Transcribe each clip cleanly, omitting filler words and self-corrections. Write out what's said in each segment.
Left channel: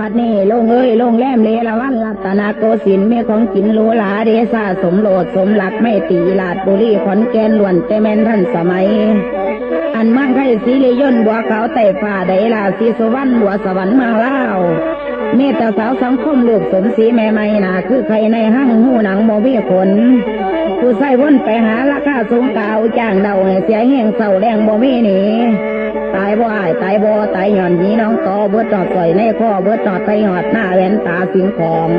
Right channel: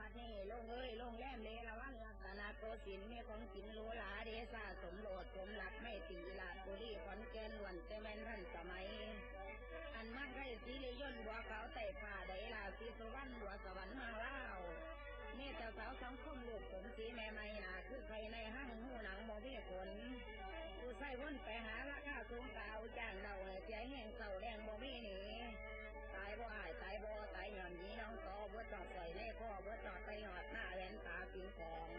บัดนี้ลงเอ้ยลงแรมเลละวันรัตนโกสินทร์มีของกินโลหลาเดซ่าสมโลดสมหลักไม่ตีลาดบุรีขอนแก่นล้วนแต่แม่นท่านสมัยอันมั่งไข่สีเลยย่นบัวขาวไต่ฟ้าไดลาสีสุวรรณบัวสวรรค์เมืองลาวเมตตาสาวสังคมลูกสมศรีแม่ไม่นาคือใครในห้างหูหนังโมบีขนผู้ใส่วนไปหาราคาสูงเก่าจ้างเดาเสียแห้งเศร้าแรงโมบีหนีตายบ่ายตายบ่ตายหย่อนนี้น้องต่อเบิดจอดต่อยในข้อเบิดจอดไตหอดหน้าแหวนตาสิงของ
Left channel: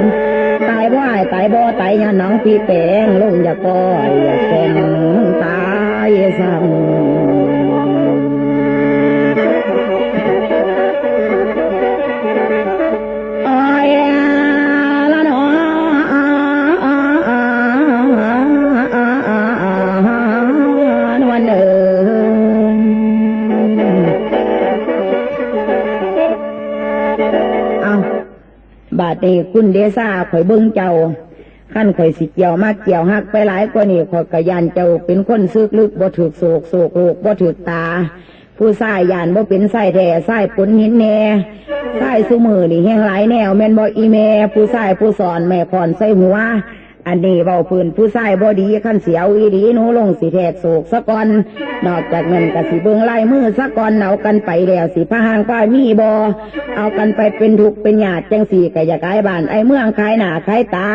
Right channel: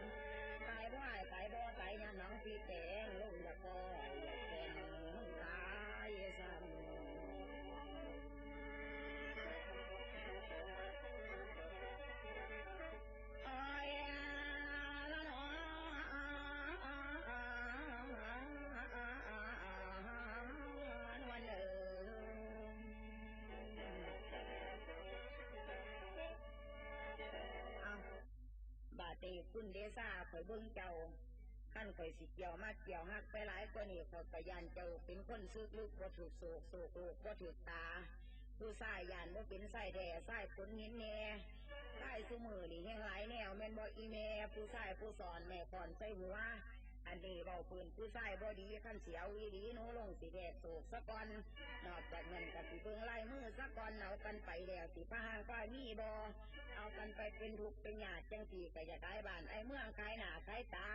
ตายบ่ายตายบ่ตายหย่อนน้องพี่แปงลงอย่าก้อยอย่าแกงตายสั่งบาดนี้คุณเดซ่าข่อยเบิ่งเจ้าขั้นข่อยสิเกี่ยวมากเกี่ยวหักไปหลายกว่านี้ข่อยกะยานเจ้าเป็นคนซึกลึกบ่ถึกโศกโศกโลกบ่ถึกตาผู้ชายยานบ่เป็นไส้แท้ไส้ปุนหินแน่ไส้ซุมือนี่แห้งหลายแนวแม่นบ่อีแม่ผู้ชายผู้สอนแม่พรใส่หัวอันนี้เว้าพื้นผู้ชายบ่ดีขั้นเสียวอีดีหนูลงสิแทกโศกซะก่อนนอกจากนั้นก็สิเบิ่งลายมือซะก่อนเอากันไปแล้วสิพะหางป้ามีบ่เอากันไปเป็นทุกข์เป็นญาติจังสี่ก็อย่าขายบ้านไอ้เมืองขายหน้าขายตา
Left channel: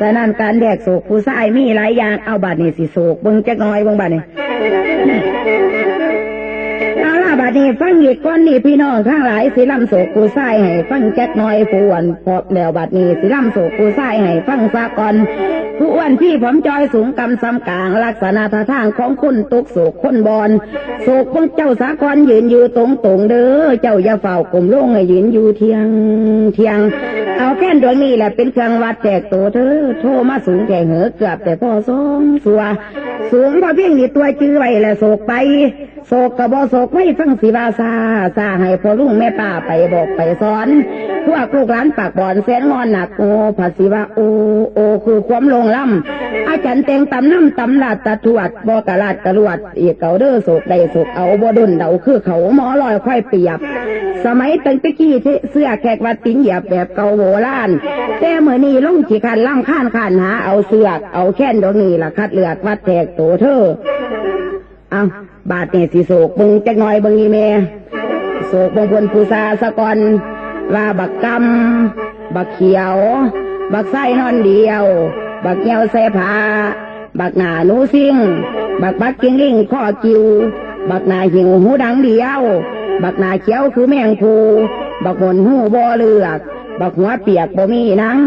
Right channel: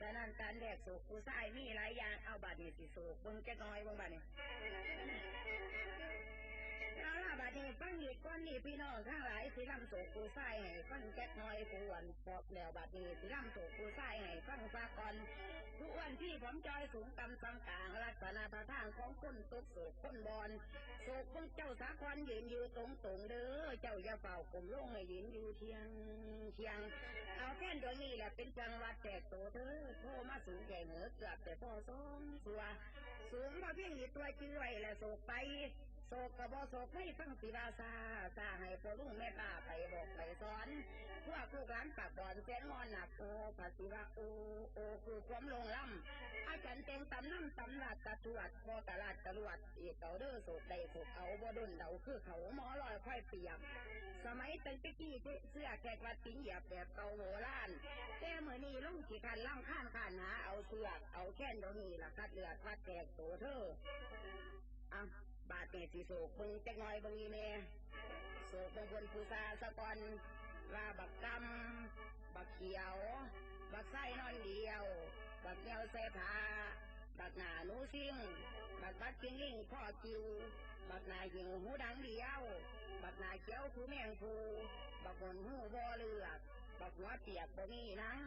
ฉะนั้นการแทกโศกผู้ชายมีหลายอย่างเอาบัดนี้สิโศกเบิ่งจักหน่อยเบิ่งบัดนี้เอาล่ะบัดนี้ฟังอีกก่อนนี่พี่น้องข้างหลายสิลำโศกผู้ชายให้ฟังจักหน่อยผู้อ้วนพอแล้วบัดนี้สิลำโศกผู้ชายให้ฟังซะก่อนผู้อ้วนพี่ผมจอยสูงกำซ้ำกลางลักษณะท่าทางของคนตุกโศกคนบอนโศกของเจ้าสากรยืนอยู่ตรงเด้อเจ้าอย่าเฝ้ากลมลงให้ยืนอยู่เทียงเอาแค่ดวงนี้แหละเป็นเครื่องวัดแจกตัวเธอโทรมาสูงแก่เหอเกือบแต่พ่อสองสัวสูงพอเพียงนี่ตัวจื้อไว้แล้วโศกไปโศกกระบอโศกไม่ฟังสีวาซาให้พ่อลุงแม่ป้าไปบอกไปสอนพวกลูกหลานปากบอนแสนงอนหนักโอภาษีว่าโอคือความลงล่ำอาจารย์เต็งตำน้ำตำลาดตะถวดบอกะลาดตะลวดอีกเก่าเด้อโศกได้โศกเอาบ่ดุนเดาคือเขาหมอลอยค่อยเปียบสมัยตั้งตะกี้เสื้อแขกวัดติ้งเหยียบแบบเก่าโบราณแต่เมื่อนี้ลงขี้คันล่ำข้านหาเอาเสื้อเอาแค่นดอกนี้ล่ะคัดเลือกวัดแทกโตเธอเอาบาดเนี่ยสิโศกบึงจักหน่อยบึงอีเมโศกบงพลภูษาสะกอนว่าบักกำบักเขียวบักไส้นอนเดียวบักเหี่ยวแส่ผ้าบักหน้าหนูซิ่งบักกิ้งลิงข้อกิวบักหน้าหิวหูดังเดียวบักหน้าเขียวคือแมงภูบักหนหูบ่เลือกบักหัวเปียกบ่มีหนัง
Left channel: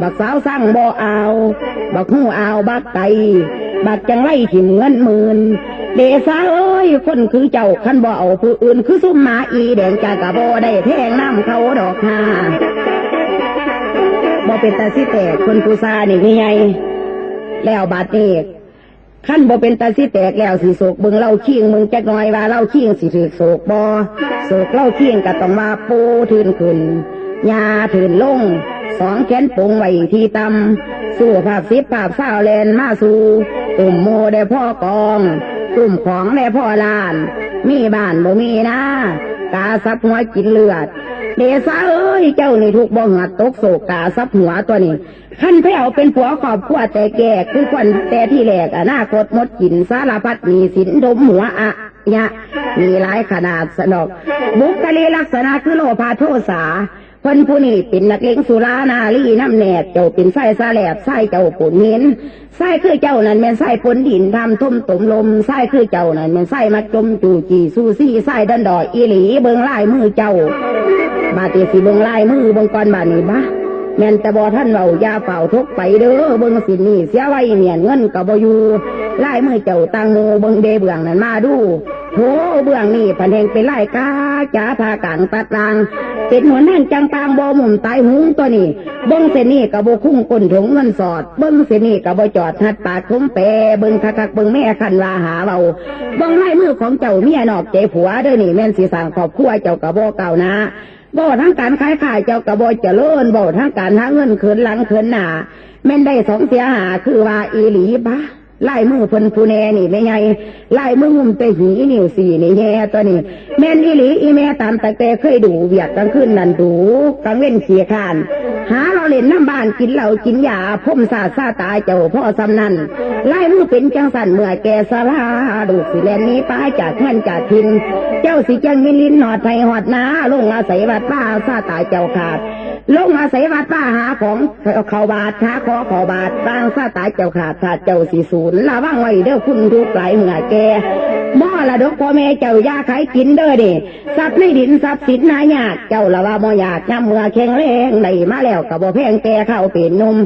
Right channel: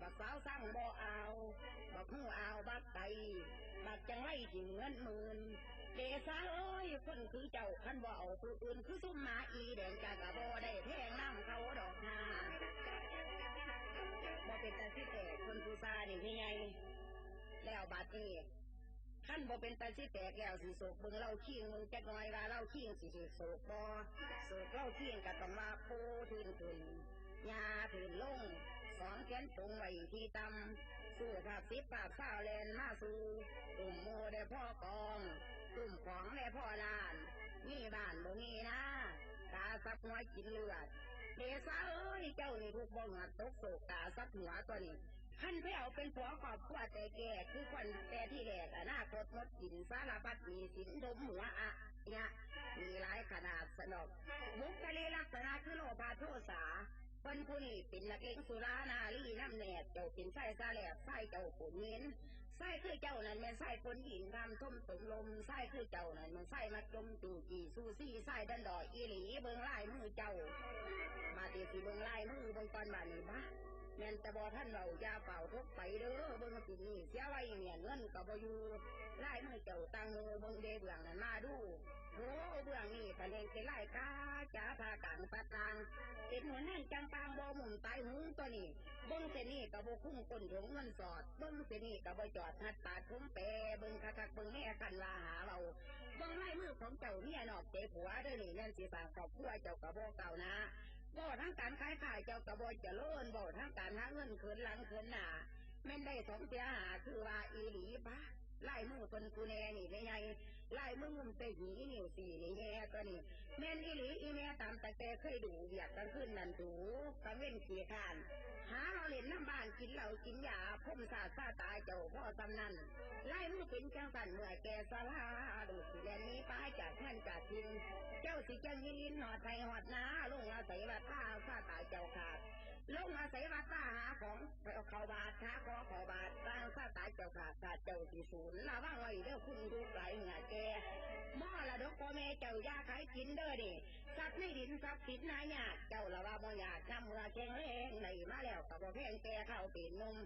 บักสาวสั่งบ่เอาบักหูเอาบักไก่บักจังไรถิ่มเงินหมื่นเดซ่าเอ้ยคนคือเจ้าขันบ่เอาผู้อื่นคือซุ่มหมาอีแดงจากกะบ่ได้แทงน้ำเขาดอกหาบ่เป็นตาสิแตกคนผู้ซานี่ไงแล้วบาดนี้ขั้นบ่เป็นตาสิแตกแล้วสิโศกบึงเล่าขี้งมึงจักหน่อยว่าเล่าขี้งสิถือโศกบ่โศกเล่าขี้งก็ต้องมาปูทืนขึ้นยาทืนลงสองแขนปุงไว้ที่ตำสู้ภาพสิบภาพเศร้าแลนมาสู่ตุ่มโมได้พ่อกองตุ่มของได้พ่อลานมีบ้านบ่มีนะกาซับหัวกินเลือดเดซ่าเอ้ยเจ้านี่ถูกบ่หัดตกโศกกาซับหัวตัวนี้ขั้นแผ่วเป็นผัวขอบขั้วแต่แก่คือควันแต่ที่แหลกอนาคตมดกินสารพัดมีสินดมหัวอะเนี่ยมีหลายขนาดสนอกบุคลิกลักษณะคือโลภะโทสะคนผู้นี้เป็นนักเลงสุรานาลีน้ำแหนดเจ้าเป็นไส้ซาแหลบไส้เจ้าปุ่นเห็นไส้คือเจ้านั่นเป็นไส้ปนดินทำทุ่มตุ่มลมไส้คือเจ้านั่นเป็นไส้มาจมจูจีซูซี่ไส้ดันดอยอีหลีเบิงไล่มือเจ้าบาดเจ็บสิเบิงไล่มือเบิงก่อนบาดนี้บ้าแม่นแต่บ่ท่านเรายาเฝ้าทุกไปเด้อเบิ่งสินี่เสียไว้เมียนเงินก็บ่อยู่ไล่มือเจ้าตังโมเบิ่งเดเบื้องนั้นมาดูโหเบื้องนี่พันแห่งเป็นไล่กาจ๋าพากลางตัดรางเป็นหัวนั่นจังปางบ่หมุนตายหุงตัวนี้เบิ่งเส้นนี่ก็บ่คุ้งก้นถุงเงินสอดเบิ่งเส้นนี่ก็บ่จอดหัดปากคุ้มแปเบิ่งคักๆเบิ่งแม่คันว่าหาเบาเบิ่งไล่มือของเจ้าเมียนอกใจผัวเด้อนี่แม่นสิสร้างครอบครัวเจ้าก็บ่เก่านะบ่ทั้งการขายเจ้ากระบอยเจริญบ่ทั้งการหาเงินเขินหลังเขินหน้าแม่นได้สองเสียหาคือว่าอีหลีบ้า ไล่มือเพิ่นผู้แน่นี่ไม่ไงไล่มือหุ่มเตหีนิ้วสี่นี่แย่ตัวนี้แม่นอีหลีอีแม่ตามแต่เคยดูเวียดกลางคืนนั่นดูกลางเว้นเสียขานหาเราเล่นน้ำบ้านกินเหล้ากินยาพ่มซาตายเจ้าพ่อสำนันไล่มือเป็นจังสันเมื่อแกสลาดูสิแลนนี้ป้าจากเงินจากทินเจ้าสิจังมิลินหอดไทยหอดนาลงอาศัยวัดป้าซาตายเจ้าขาดลงอาศัยวัดป้าหาของเขาบาทหาขอขอบาทตั้งซาตายเจ้าขาดขาดเจ้าสีศูนย์ละว่างไว้เด้อคุณทุกหลายเมื่อแกม่อละดกพ่อแม่เจ้ายาขายกินเด้อดิทรัพย์ในดินทรัพย์สินนายากเจ้าละว่าม่อยากย้ำเมื่อแข็งแรงไหลมาแล้วกับบ่แพงแกเข้าเป็นนม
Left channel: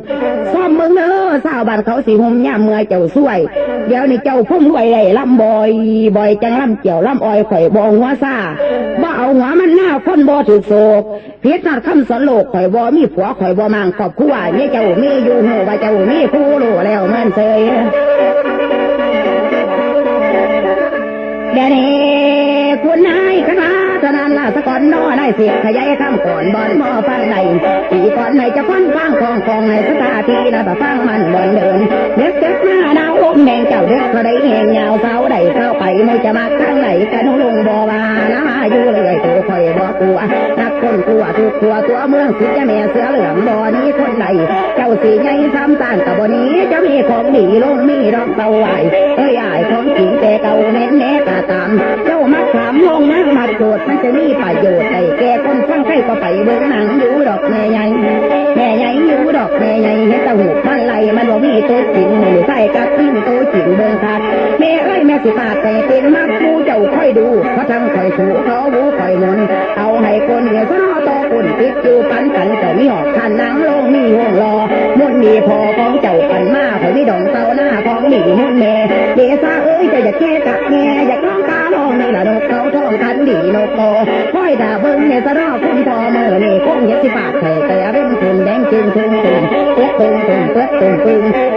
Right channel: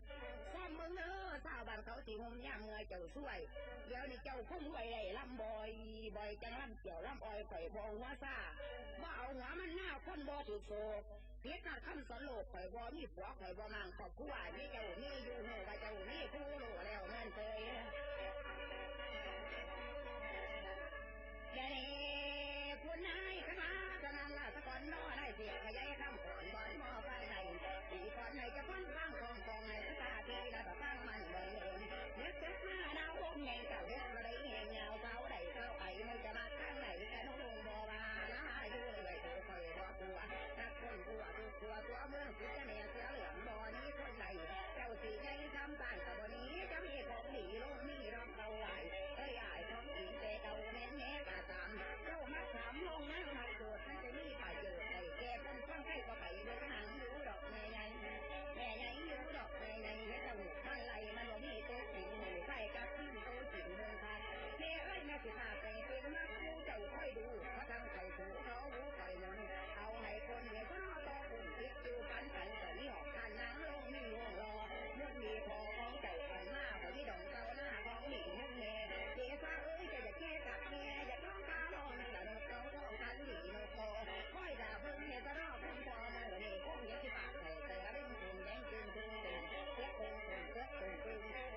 ซ่อมเมืองเด้อสาวบ้านเขาสิห่มย่ำเมื่อเจ้าช่วยเดี๋ยวนี้เจ้าพุ่มรวยได้ลำบ่อยจังลำเกี่ยวลำอ้อยข่อยบ่หัวซ่าบ่เอาหัวมันหน้าคนบ่ถือโศกเพียรนัดคำสอนโลกข่อยบ่มีผัวข่อยบ่มังครอบครัวเนี่ยเจ้ามีอยู่หูว่าเจ้ามีคู่รู้แล้วเหมือนเคยเดี๋ยวนี้คุณนายคณะทนานลาสกอนน้อได้เสียขยายข้ามก่อนบอลหม้อฟังในปีก่อนในจะฟังของในสถาทีนะแต่ฟังมันบอลเดินเด็กหน้าดาวลมแดงเจ้าเด็กก็ได้แหงยาวเสาได้เข้าไปไม่จะมาข้างไหนกันลงบ่วานะอยู่เลยตัวคอยบ่กลัวนักคนกลัวทุกขัวตัวเมืองสิจะแม่เสือเหลืองบ่อนี้คนใดเจ้าสีใหญ่ซ้ำต่างกับบ่อนี้จะมีของดีลงมีรองเตาไหวเอ้ยอ้ายของจริงแต่เก่าเน้นแน่ตาตามเจ้ามักถามลงนั่งมาโจทย์มันจะมีประโยชน์ใส่แก่คนฟังใครก็ไปเบิ่งหนังอยู่ดอกแม่ใหญ่อยู่ดอกแม่ใหญ่เห็นตะหูมันไหลมันบ่มีตัวจริงหรือใส่กัดทิ้งตัวจริงเบิ่งขาดแม่เอ้ยแม่สิปาดแต่เป็นมักผู้เจ้าค่อยดูเพราะทั้งค่อยถูเขาบูค่อยมนเอาให้คนเหนือซะนอโตคนติดอยู่ปันกันเจ้ามีหอกขันนังลงมีห่วงรอมุ่นมีพอของเจ้าปันมาข่อยมีดองเต้าหน้าของหนีมุ่นแม่เดซาเอ้ยจะอยากแค่กับแม่อยากร้องกาลองนี่ละนกเขาท้องคันดีนกโตค่อยด่าเบิ้งเนี่ยซะนอคุณพอเมื่อนี่คงยัดสิปากแต่เร่งคุณแดงจึงตึง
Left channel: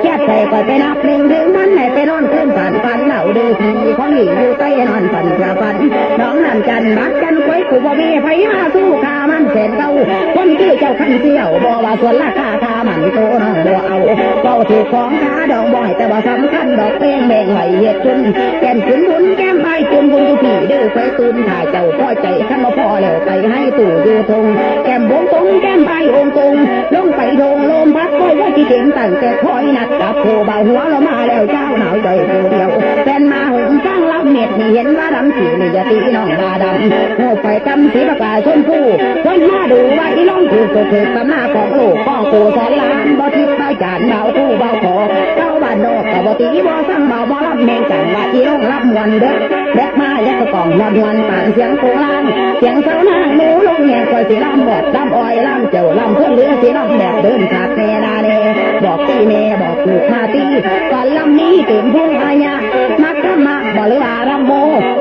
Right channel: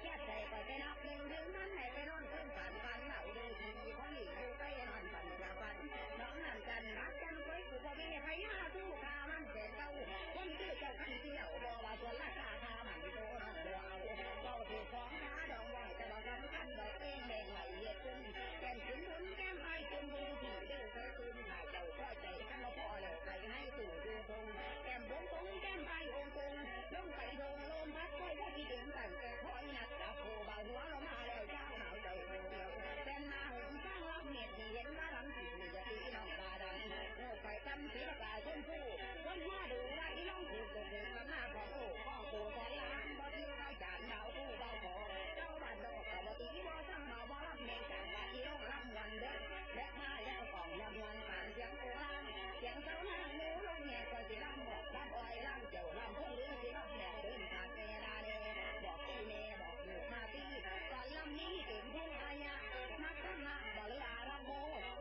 แค่ใส่ก็ไปนับหนึ่งถึงมันไหนไปนอนขึ้นฝันเหล่าดื้อผีของหญิงอยู่ใต้นอนฝันกระฝันน้องนั่นจันบักจันควยกูบ่มีไฟมาสู้ขามันแสนเก่าคนที่เจ้าขันเสี่ยวบ่ว่าส่วนราคาคามันโตน้องบ่เอาเป้าถูกของขาดองบ่อยแต่ว่าสำคัญดอกแป้งแบ่งไหวเหตุจุนแก้มจุนบุญแก้มใบจุนบุญอยู่ผีดื้อไฟตุนถ่ายเจ้าพ่อใจขันมาพอแล้วไปให้ตู่อยู่ทงแก้มบงตรงแก้มใบองตรงลงไปทงลมพัดค่อยว่าที่เด่นตั้งแต่คอยนัดกับโผบ่าหัวเรามาแล้วเจ้าหนาวใจผู้เดียวแฟนมาหงจ้างรับเม็ดนี่เห็นว่าดำสีนี่จะตีน้องบาดำหัวไฟกำสีประกาศชมพูคนมาดูว่าอีน้องถูกตำหน้าของโลกข้อกูสอนล้านบ่ทิพย์เบาจานเบาคู่เบาขอเจ้าบ้านนอกกับบ่ตีบ่สั่งเบาบ่รับแมงจังว่าอีน้องรับมวนเด็กมาแล้วก็กล่องมวนป่านเสียงโคลางเสียงเสาหน้าหนูลงแง่คอยสีลำบอดลำอ้อยลำเจ้าลำเพื่อนเรือสีลำแบบเดินขาดแน่นาเน่บอกตีแม่บอกลูกมาตีก่อนลำนี้เต็มพุ่งอายะมักธรรมะบ่หรือว่ารำโม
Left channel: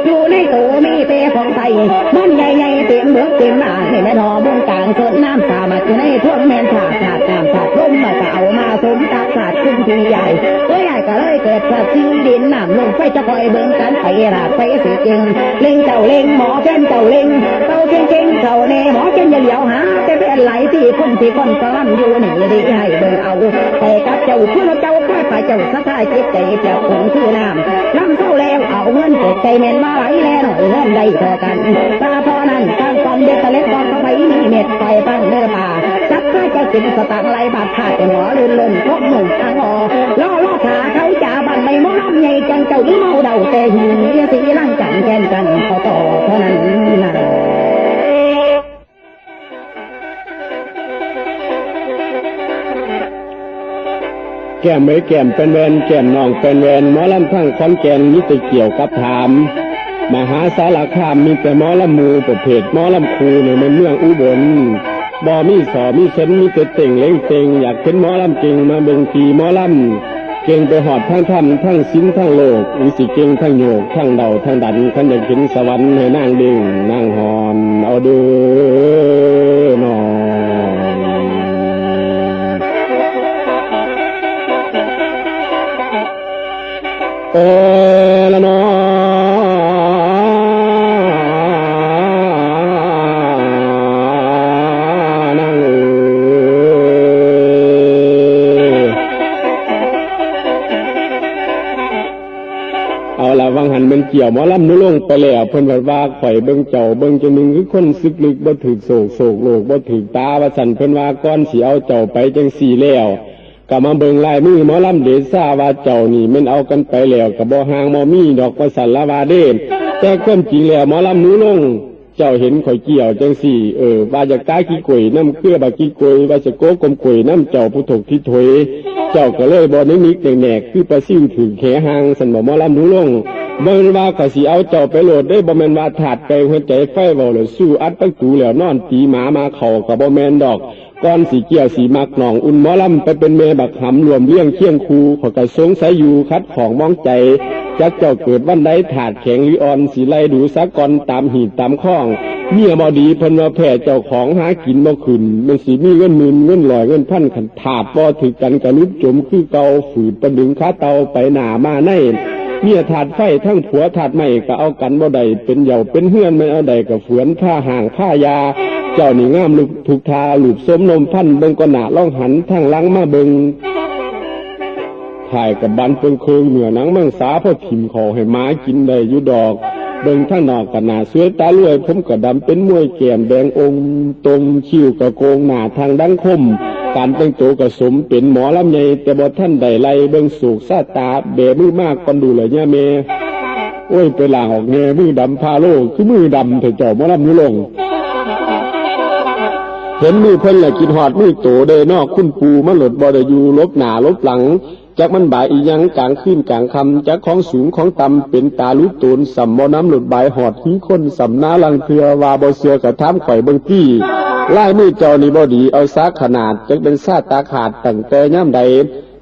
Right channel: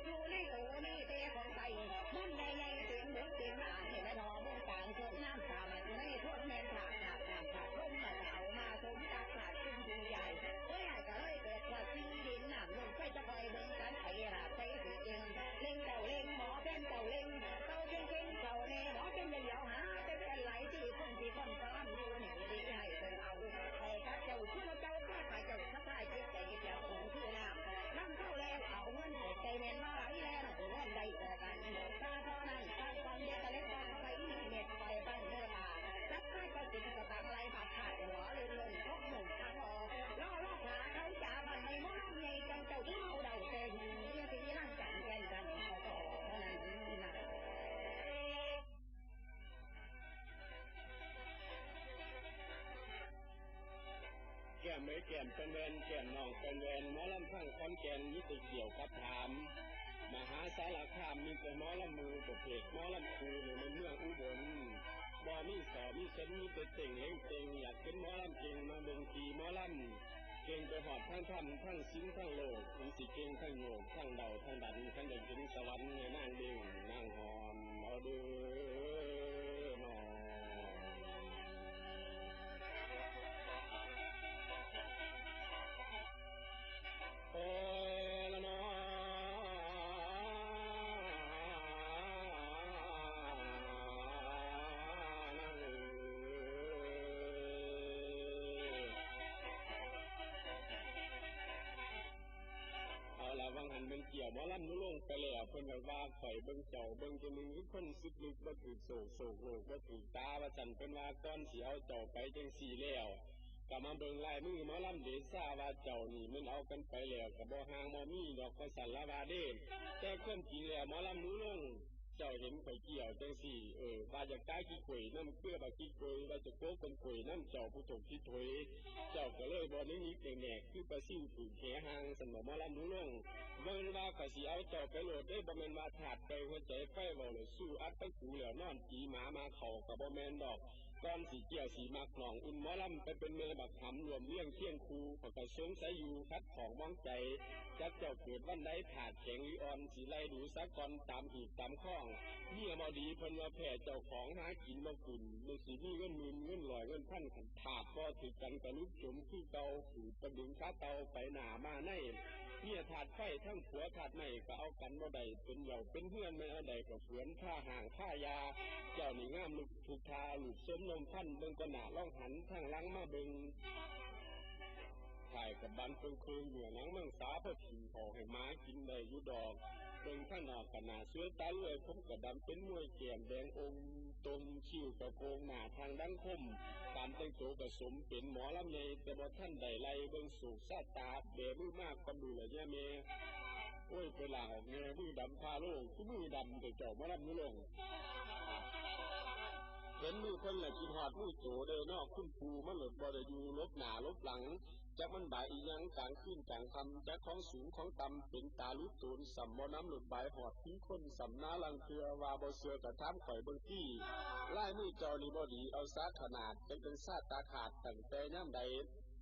อยู่ในตัวมีเปของไทยมันใหญ่เต็มเบิกเต็มหน้าให้แม่นอบุ้งกลางส่วนน้ำสามัดอยู่ในท่วงแม่นขาดน้ำขาดลมมาก็เอามาสมตักขาดขึ้นทีใหญ่ตัวใหญ่ก็เลยเกิดสัตว์ซีดินน้ำลงไฟจะคอยเบิ่งกันไปราดไปสิเก่งเล่งเจ้าเล่งหมอแก่นเจ้าเล่งเต้าเก่งเจ้าเน่หมอเก่งอย่าเหลียวหาแต่เป็นไหลที่คนซ้อนอยู่นี่ดีให้เบิ่งเอาไปกับเจ้าคือเจ้าค่อยไปเจ้าสะท้ายจิตใจเจ้าคงคือน้ำล้ำเข้าแล้วเอาเงินเก็บใจเม็นมาไหลแล้วหน่อยเงินได้พอกันตาพอนั้นตั้งความเด็กตะเล็กก่อนเข้าไปมีเม็ดไฟปั้งเนื้อป่าจับข้าเจ้าสิงสตางค์ไหลบาดขาดหัวลื่นพบหนุ่มทางอล่อขาเขาจ่าบันใบมอลำใหญ่จังเจ้านี่เมาเดาแต่หิวเยี่ยสีร่างจังแกนกันเขาต่อเท่านั้นนะแก้มไม่แก้มเป็นแวนแก้มน้องเป็นแวนหมอลำทั้งขอนแก่นมิตรเกี่ยวกับถามมหาสารคามมีแต่หมอลำมูประเภทหมอลำคูในเมืองอุบลบ่มีสอมีเส้นมีแต่เต่งเล้งเต่งอยากเป็นหมอลำเก่งมาเบิ่งทีหมอลำเก่งไปหอดทั้งธรรมทั้งศีลทั้งโลกวิสิเก่งทั้งโยกทั้งเดาทั้งดันขันอยากเห็นสวรรค์ให้นางดึงนางหอนเอาเด้อนอโอละนอนั่ง วังหันมันเกี่ยวหมอลำนุลงไปแล้วเพิ่นว่าข่อยเบิ่งเจ้าเบิ่งจังนึงคือคนซึกลึกบ่ถึกโศกโลกบ่ถึกตาว่าสั่นเพิ่นว่าก่อนสิเอาเจ้าไปจังสี่แล้วก็มาเบิ่งลายมือหมอลำเดชซ่าว่าเจ้านี่มันเอากันไปแล้วก็บ่ห่างบ่มีดอกว่าสั่นละว่าเด้แต่ความจริงแล้วหมอลำนุลงเจ้าเห็นข่อยเกี่ยวจังสี่ว่าจะตายกี่กุยน้ำเกลือบักกี่กุยว่าจะโกกลมกุยน้ำเจ้าผู้ถกที่ถอยเจ้าก็เลยบ่นิกแหนกคือปลาซิ่วถึงแขหางสันบ่หมอลำนุลงบ่แม่นว่าก็สิเอาเจ้าไปโหลดได้บ่แม่นว่าถาดไปหัวใจไฟเว้าแล้วสู้อัดตั้งตูแล้วนอนตีหมามาเข้าก็บ่แม่นดอกก่อนสิเกี่ยวสิมักหนองอุ่นหมอลำไปเป็นเมบักหำรวมเลี้ยงเคียงคูขอยก็สงสัยอยู่คัดของมองใจจักเจ้าเกิดวันใดถาดแข็งหรืออ่อนสิไล่ดูสักก่อนตามหีบตามข้องเมียบ่ดีเพิ่นว่าแพ้เจ้าของหากินบ่ขึ้นมันสิมีเงินหมื่นเงิน100เงินพันขันถาดบ่ถึกกันกะลุกจมคือเก่าฝืดประดึงขาเตาไปหน้ามาในเมียถาดไฟทั้งผัวถาดไม้ก็เอากันบ่ได้เป็นเหย่าเป็นเฮือนไม่เอาใดก็เฝือนผ้าห่างผ้ายาเจ้านี่งามลุกถูกทาหลุบสมนมพันเบิ่งก็หน้าล่องหันทั้งหลังมาเบิ่งถ่ายกับบันเพิ่งเคืองเหนือหนังมังสาพอถิ่มขอให้ม้ากินได้อยู่ดอกเบิ่งทั้งนอกกับหน้าสวยตาลวยผมก็ดำเป็นมวยแก้มแดงองค์ตรงคิ้วกระโกงหน้าทางดังคมการแต่งตัวก็สมเป็นหมอลำใหญ่แต่บ่ท่านใดไล่เบิ่งสูกซาตาเบมือมากก่อนดูเลยเนี่ยเมโอ้ยไปล่างออกแง่มือดำพาโลคือมือดำเถอะเจ้าหมอลำนุลงเห็นมือเพิ่นแหละกินหอดมือโตเด้นอกคุณปูมาหลดบ่ได้อยู่ลบหน้าลบหลังจักมันบ่ายอีหยังกลางคืนกลางค่ำจักของสูงของต่ำเป็นตาลุตูนสัมบ่น้ำหลุดบ่ายหอดทิ้งคนสัมนาลังเทือว่าบ่เสือกระทำข่อยเบิ่งที่ลายมือเจ้านี่บ่ดีเอาซากขนาดจักเป็นซาตาขาดตั้งแต่ย่ำใด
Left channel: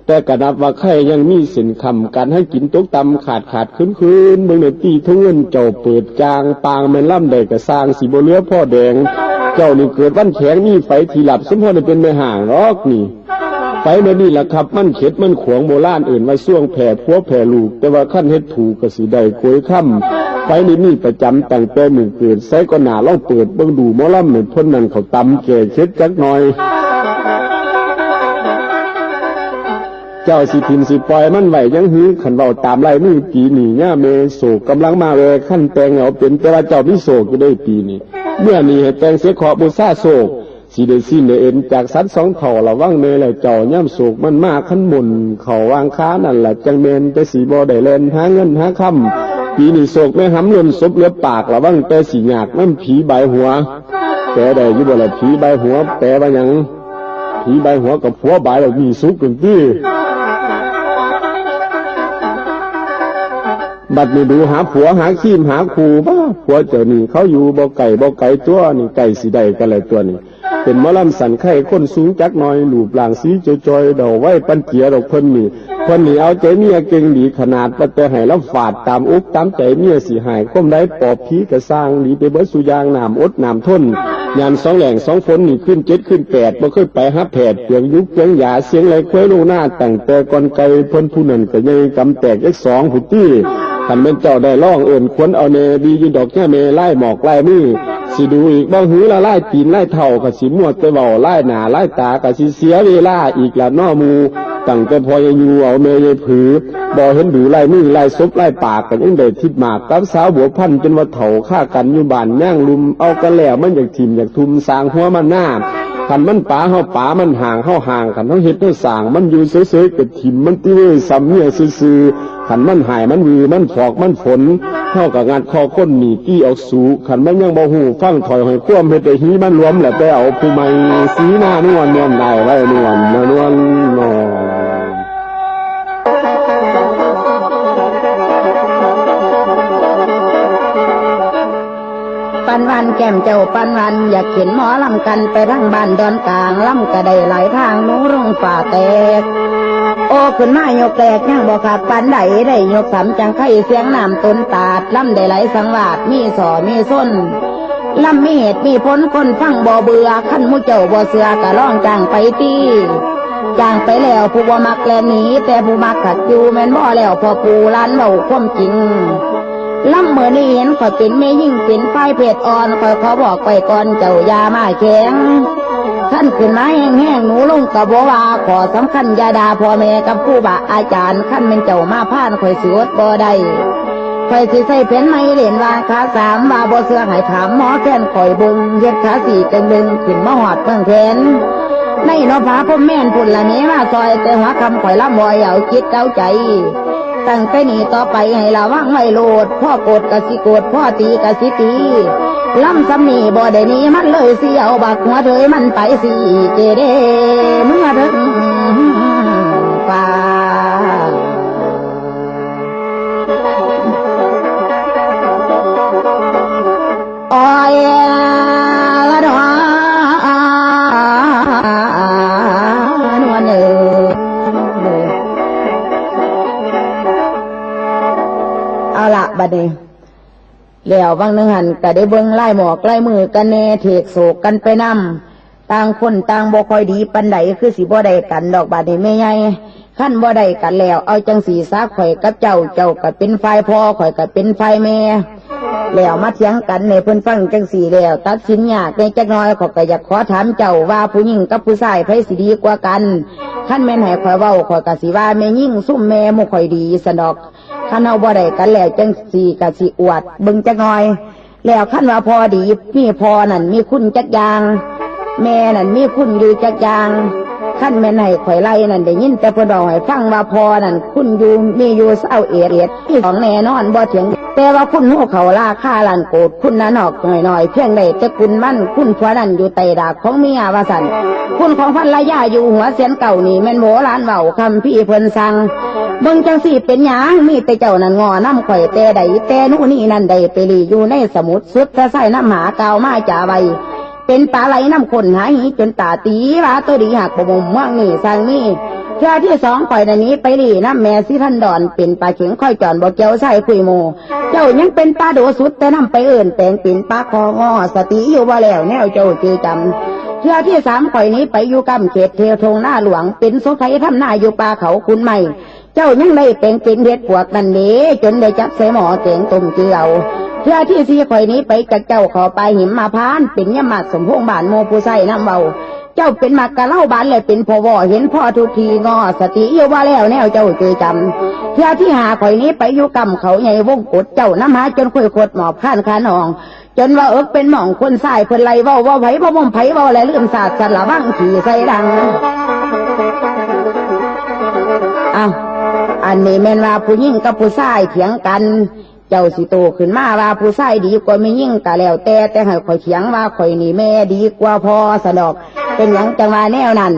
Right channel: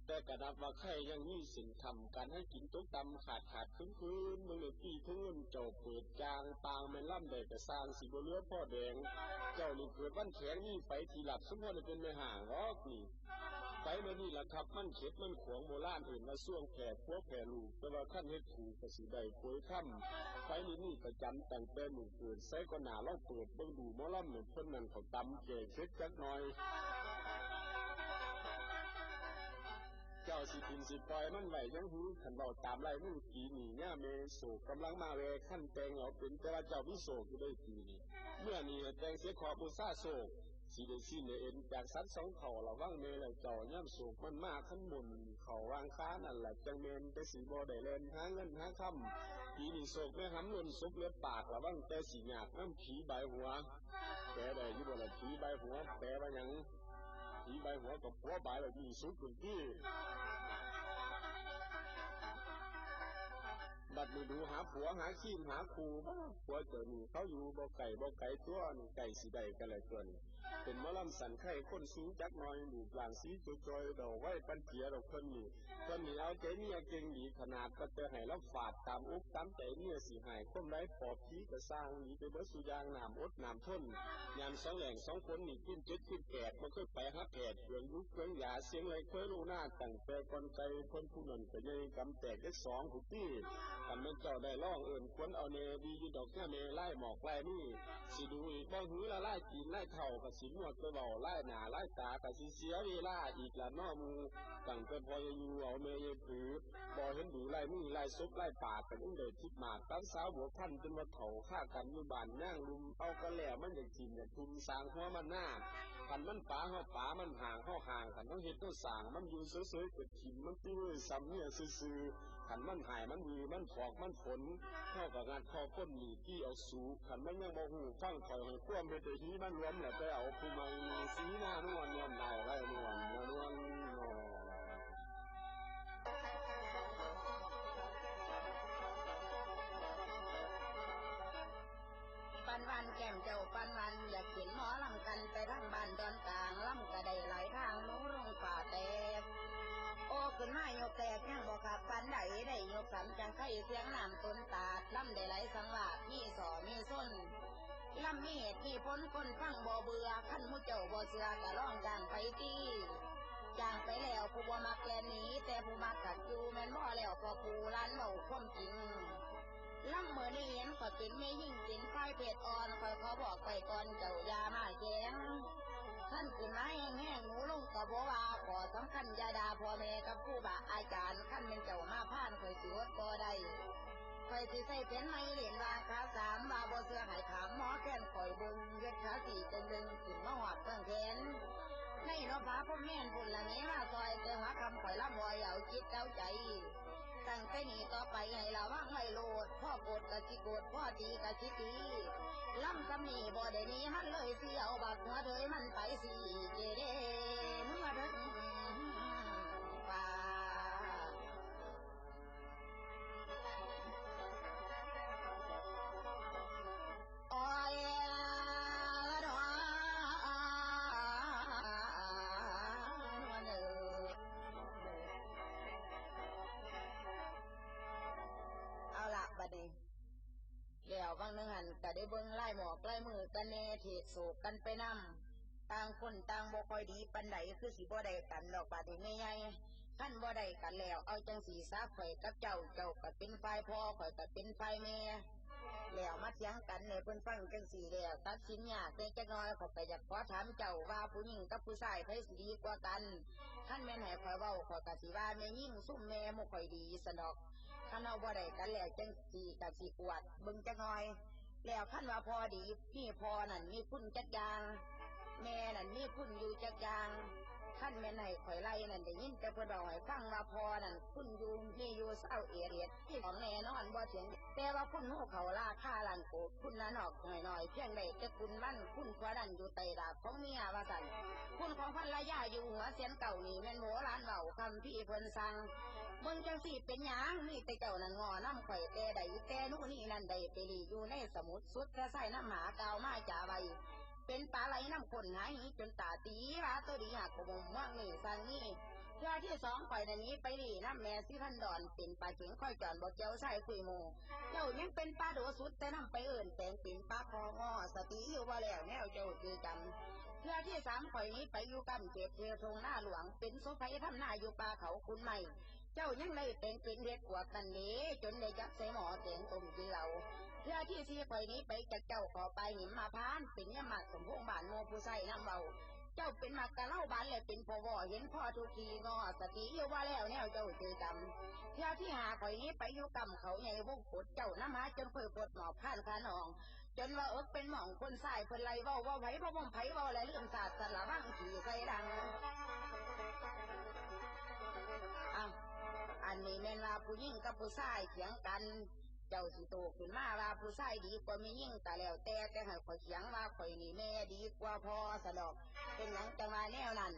แต่กระนับว่าไข่ยังมีสินคำการให้กินตกตำขาดคืนเบิ่งในตีทุ่งเงินเจ้าเปิดจางปางแม่นล่ำใดกระสร้างสีบ่เหลือพ่อแดงเจ้านี่เกิดวันแข็งมีไฟที่หลับสมพรเป็นไม่ห่างหรอกนี่ไฟเมื่อนี่แหละครับมันเข็ดมันขวงโบราณอื่นมาส่วงแผ่ผัวแผ่ลูกแต่ว่าขั้นเฮ็ดถูกกสิได้กวยค่ำไฟนี่มีประจำตั้งแต่มือเกิดใส่ก็หนาเล่าเปิดเบิ่งดูหมอลำเหมือนพ้นนั่นเขาตำแก่เช็ดจักหน่อยเจ้าสิทิมสิปล่อยมันไหวยังหื้อขันเบาตามไล่มือปีนี่ย่าเมโศกกำลังมาเวขั้นแตงเอาเป็นแต่ว่าเจ้ามิโศกก็ได้ปีนี้เมื่อนี้ให้แตงเสียขอบูชาโศกสีได้สิ้นได้เอ็นจากสัตว์สองเถ่าระวังเมลแล้วเจ้าย่ำโศกมันมากขั้นหมุนเขาวางค้านั่นแหละจังเมนแต่สีบ่ได้เล่นหาเงินหาคำปีนี้โศกไม่หำล้นซบเลือปากระวังแต่สีหยากน้ำผีใบหัวแต่ได้ยุบละผีใบหัวแต่ว่ายังผีใบหัวกับผัวใบเรามีสุกกันที่บัดนี้ดูหาผัวหาขี้มหาคูบ้าผัวเจ้านี่เขาอยู่บ่ไก่ตัวนี่ไก่สีใดกันเลยตัวนี้เป็นหมอลำสันไข่ก้นสูงจักหน่อยหลูบหลางสีจอยๆดอกไว้ปันเกียดอกเพิ่นนี่เอาใจเมียเก่งดีขนาดปัตแต่ให้แล้วฝาดตามอุกตามใจเมียสีหายก้มได้ปอบผีกระสร้างดีไปเบิดสุยางน้ำอดน้ำทนยาม2 แหล่ง 2 ฝนนี่ขึ้น7ขึ้น8บ่เคยไปหาแผดเปียงยุกเปียงหยาเสียงไหลเคว้ลงหน้าตั้งแต่ก่อนไกลเพิ่นผู้นั้นก็ยังกำแตกเลข2ผู้ตี้ขันเป็นเจ้าได้ล่องเอิ่นควรเอาเนบียืนดอกแค่เมไล่หมอกไล่มือสิดูอีกบ้างหื้อละไล่ตีนไล่เท่ากับสิมวดไปเบาไล่หนาไล่ตากับสิเสียเวลาอีกละน้อมูตั้งแต่พออยู่เอาเมยผือบ่เห็นดูไล่มือไล่ซบไล่ปากกันยังเด็ดทิดหมากกับสาวบัวพันจนว่าเถ่าฆ่ากันอยู่บ้านย่างลุมเอากันแล้วมันอยากทิมอยากทุมสางหัวมันหน้าขันมันป่าเฮาป่ามันห่างเฮาห่างขันเฮาเฮ็ดเฮาสางมันอยู่เฉยๆกับทิมมันติ้วซ้ำเนี่ยซื่อขันมันหายมันวือมันฟอกมันฝนเท่ากับงานคอก้นหนีกี้ออกสู่ขันมันยังบ่หูฟังถอยหอยคว่ำเฮ็ดได้หีมันรวมแหละไปเอาผู้ใหม่สีหน้านวลได้ไว้นวลนวลนอปันวันแก้มเจ้าปันวันอยากเห็นหมอลำกันไปทั้งบ้านดอนกลางลำกระไดหลายทางหนูลงฝ่าแตกโอ้ขึ้นมายกแตกยังบอกขาดปันใดได้ยกสำจังไข่เสียงน้ำต้นตาดลำได้ไหลสังวาดมีสอมีส้นลำมีเหตุมีผลคนฟังบ่เบื่อขั้นมุเจ้าบ่เสือกะล่องจางไปตีจางไปแล้วผู้บ่มักแลหนีแต่ผู้มักขัดอยู่แม่นบ่แล้วพอปูร้านเบาความจริงลำเมื่อนี้เห็นข่อยเป็นแม่ยิ่งเป็นฝ่ายเพศอ่อนข่อยขอบอกไปก่อนเจ้ายามาแข็งท่านขึ้นมาแห้งๆหนูลงกับบ่ว่าขอสำคัญยาดาพ่อแม่กับผู้บาอาจารย์ขั้นเป็นเจ้ามาพานข่อยสวดบ่ได้ ข่อยสิใส่เพ็นไม่เล่นวางขาสามว่าบ่เสื้อให้ถามหมอแค้นข่อยเบิ่งเฮ็ดขาสี่จังดึงขึ้นมาหอดเมืองแขนในนภาพมแม่นพุ่นละนี้มาซอยแต่หัวคำข่อยละบ่อยเอาจิตเอาใจตั้งแต่นี้ต่อไปให้ระวังไว้โลดพ่อโกรธกะสิโกรธพ่อตีกะสิตีล้ำซ้ำนี่บ่ได้นี้มันเลยสิเอาบักหัวเถยมันไปสิเจเดเมื่อถึงป่าอ้อยละดอนวลเอ๋เอาละบัดนี้แล้วบางนึงหันก็ได้เบิ่งไล่หมอกไล่มือกันแน่เถกโศกกันไปนำต่างคนต่างบ่ค่อยดีปันใดคือสิบ่ได้กันดอกบาดนี้แม่ใหญ่ขั้นบ่ได้กันแล้วเอาจังสีซาข่อยกับเจ้าก็เป็นฝ่ายพ่อข่อยก็เป็นฝ่ายแม่แล้วมาเถียงกันในเพิ่นฟังจังสีแล้วตัดสินยากในจักน้อยข่อยก็อยากขอถามเจ้าว่าผู้หญิงกับผู้ชายไผสิดีกว่ากันขั้นแม่นให้ข่อยเว้าข่อยก็สิว่าแม่ยิ่งซุ่มแม่บ่ค่อยดีซะดอกคันเฮาบ่ได้กันแล้วจังสีก็สิอวดเบิ่งจักน้อยแล้วคันว่าพอดีมีพอนั่นมีคุณจักอย่างแม่นั่นมีคุณอยู่จักอย่างขั้นแม่นให้ข่อยไล่นั่นได้ยินแต่เพิ่นบอกให้ฟังว่าพอนั่นคุณอยู่มีอยู่เศร้าเอียดที่ของแน่นอนบ่เถียงแต่ว่าคุณหูเขาราคาล้านโกดคุณนั้นออกหน่อยๆเพียงใดแต่คุณมั่นคุณผัวนั่นอยู่ใต้ดากของเมียว่าซั่นคุณของภรรยาอยู่หัวเสียนเก่านี่แม่นโบราณเว้าคำพี่เพิ่นสั่งเบิ่งจังสิเป็นหยังมีแต่เจ้านั่นงอน้ำข่อยแต่ใดแต่นู่นนี่นั่นใดไปลีอยู่ในสมุทรสุดถ้าใส่น้ำหากาวมาจ่าไว้เป็นปลาไหลน้ำข้นหายจนตาตีว่าตัวดีหักบ่มม่วงนี่สั่งนี่เทื่อที่สองข่อยนันนี้ไปลีน้ำแม่สิท่านดอนเป็นปลาเข็งค่อยจอนบ่เกี่ยวใส่คุยโมเจ้ายังเป็นปลาโดสุดแต่น้ำไปเอิ่นแต่งเป็นปลาคองอสติอยู่บ่แล้วแนวเจ้าจือจำเทื่อที่สามข่อยนี้ไปอยู่กำเขตเทวทงหน้าหลวงเป็นโสไทยทำหน้าอยู่ปลาเขาคุณใหม่เจ้ายังได้แต่งเป็นเด็ดปวกนั่นนี้จนได้จับใส่หม้อแกงต้มเกลือเทื่อที่สี่ข่อยนี้ไปจากเจ้าขอไปหิมมาพานเป็นยมัดสมพงษ์บานโมผู้ใส่น้ำเบาเจ้าเป็นมากกะเล่าบานเลยเป็นพ่อวอเห็นพ่อทุกทีงอสติอยู่ว่าแล้วแนวเจ้าเจอจำเทื่อที่หาข่อยนี้ไปอยู่กำเขาใหญ่วงกดเจ้าน้ำหาจนคุยขดหมอบข้านขานองจนว่าเป็นหม่องคนใส่เพิ่นไล่ว่าไผว่าบ่มไผว่าอะไรเรื่องศาสตร์สละบ้างขี่ใส่ดังอ้าวอันนี้แม่นว่าผู้หญิงกับผู้ชายเถียงกันเจ้าสิโตขึ้นมาว่าผู้ชายดีกว่าไม่ยิ่งกะแล้วแต่ให้ข่อยเถียงว่าข่อยนี่แม่ดีกว่าพ่อสะดอกเป็นหยังจังว่าแนวนั้น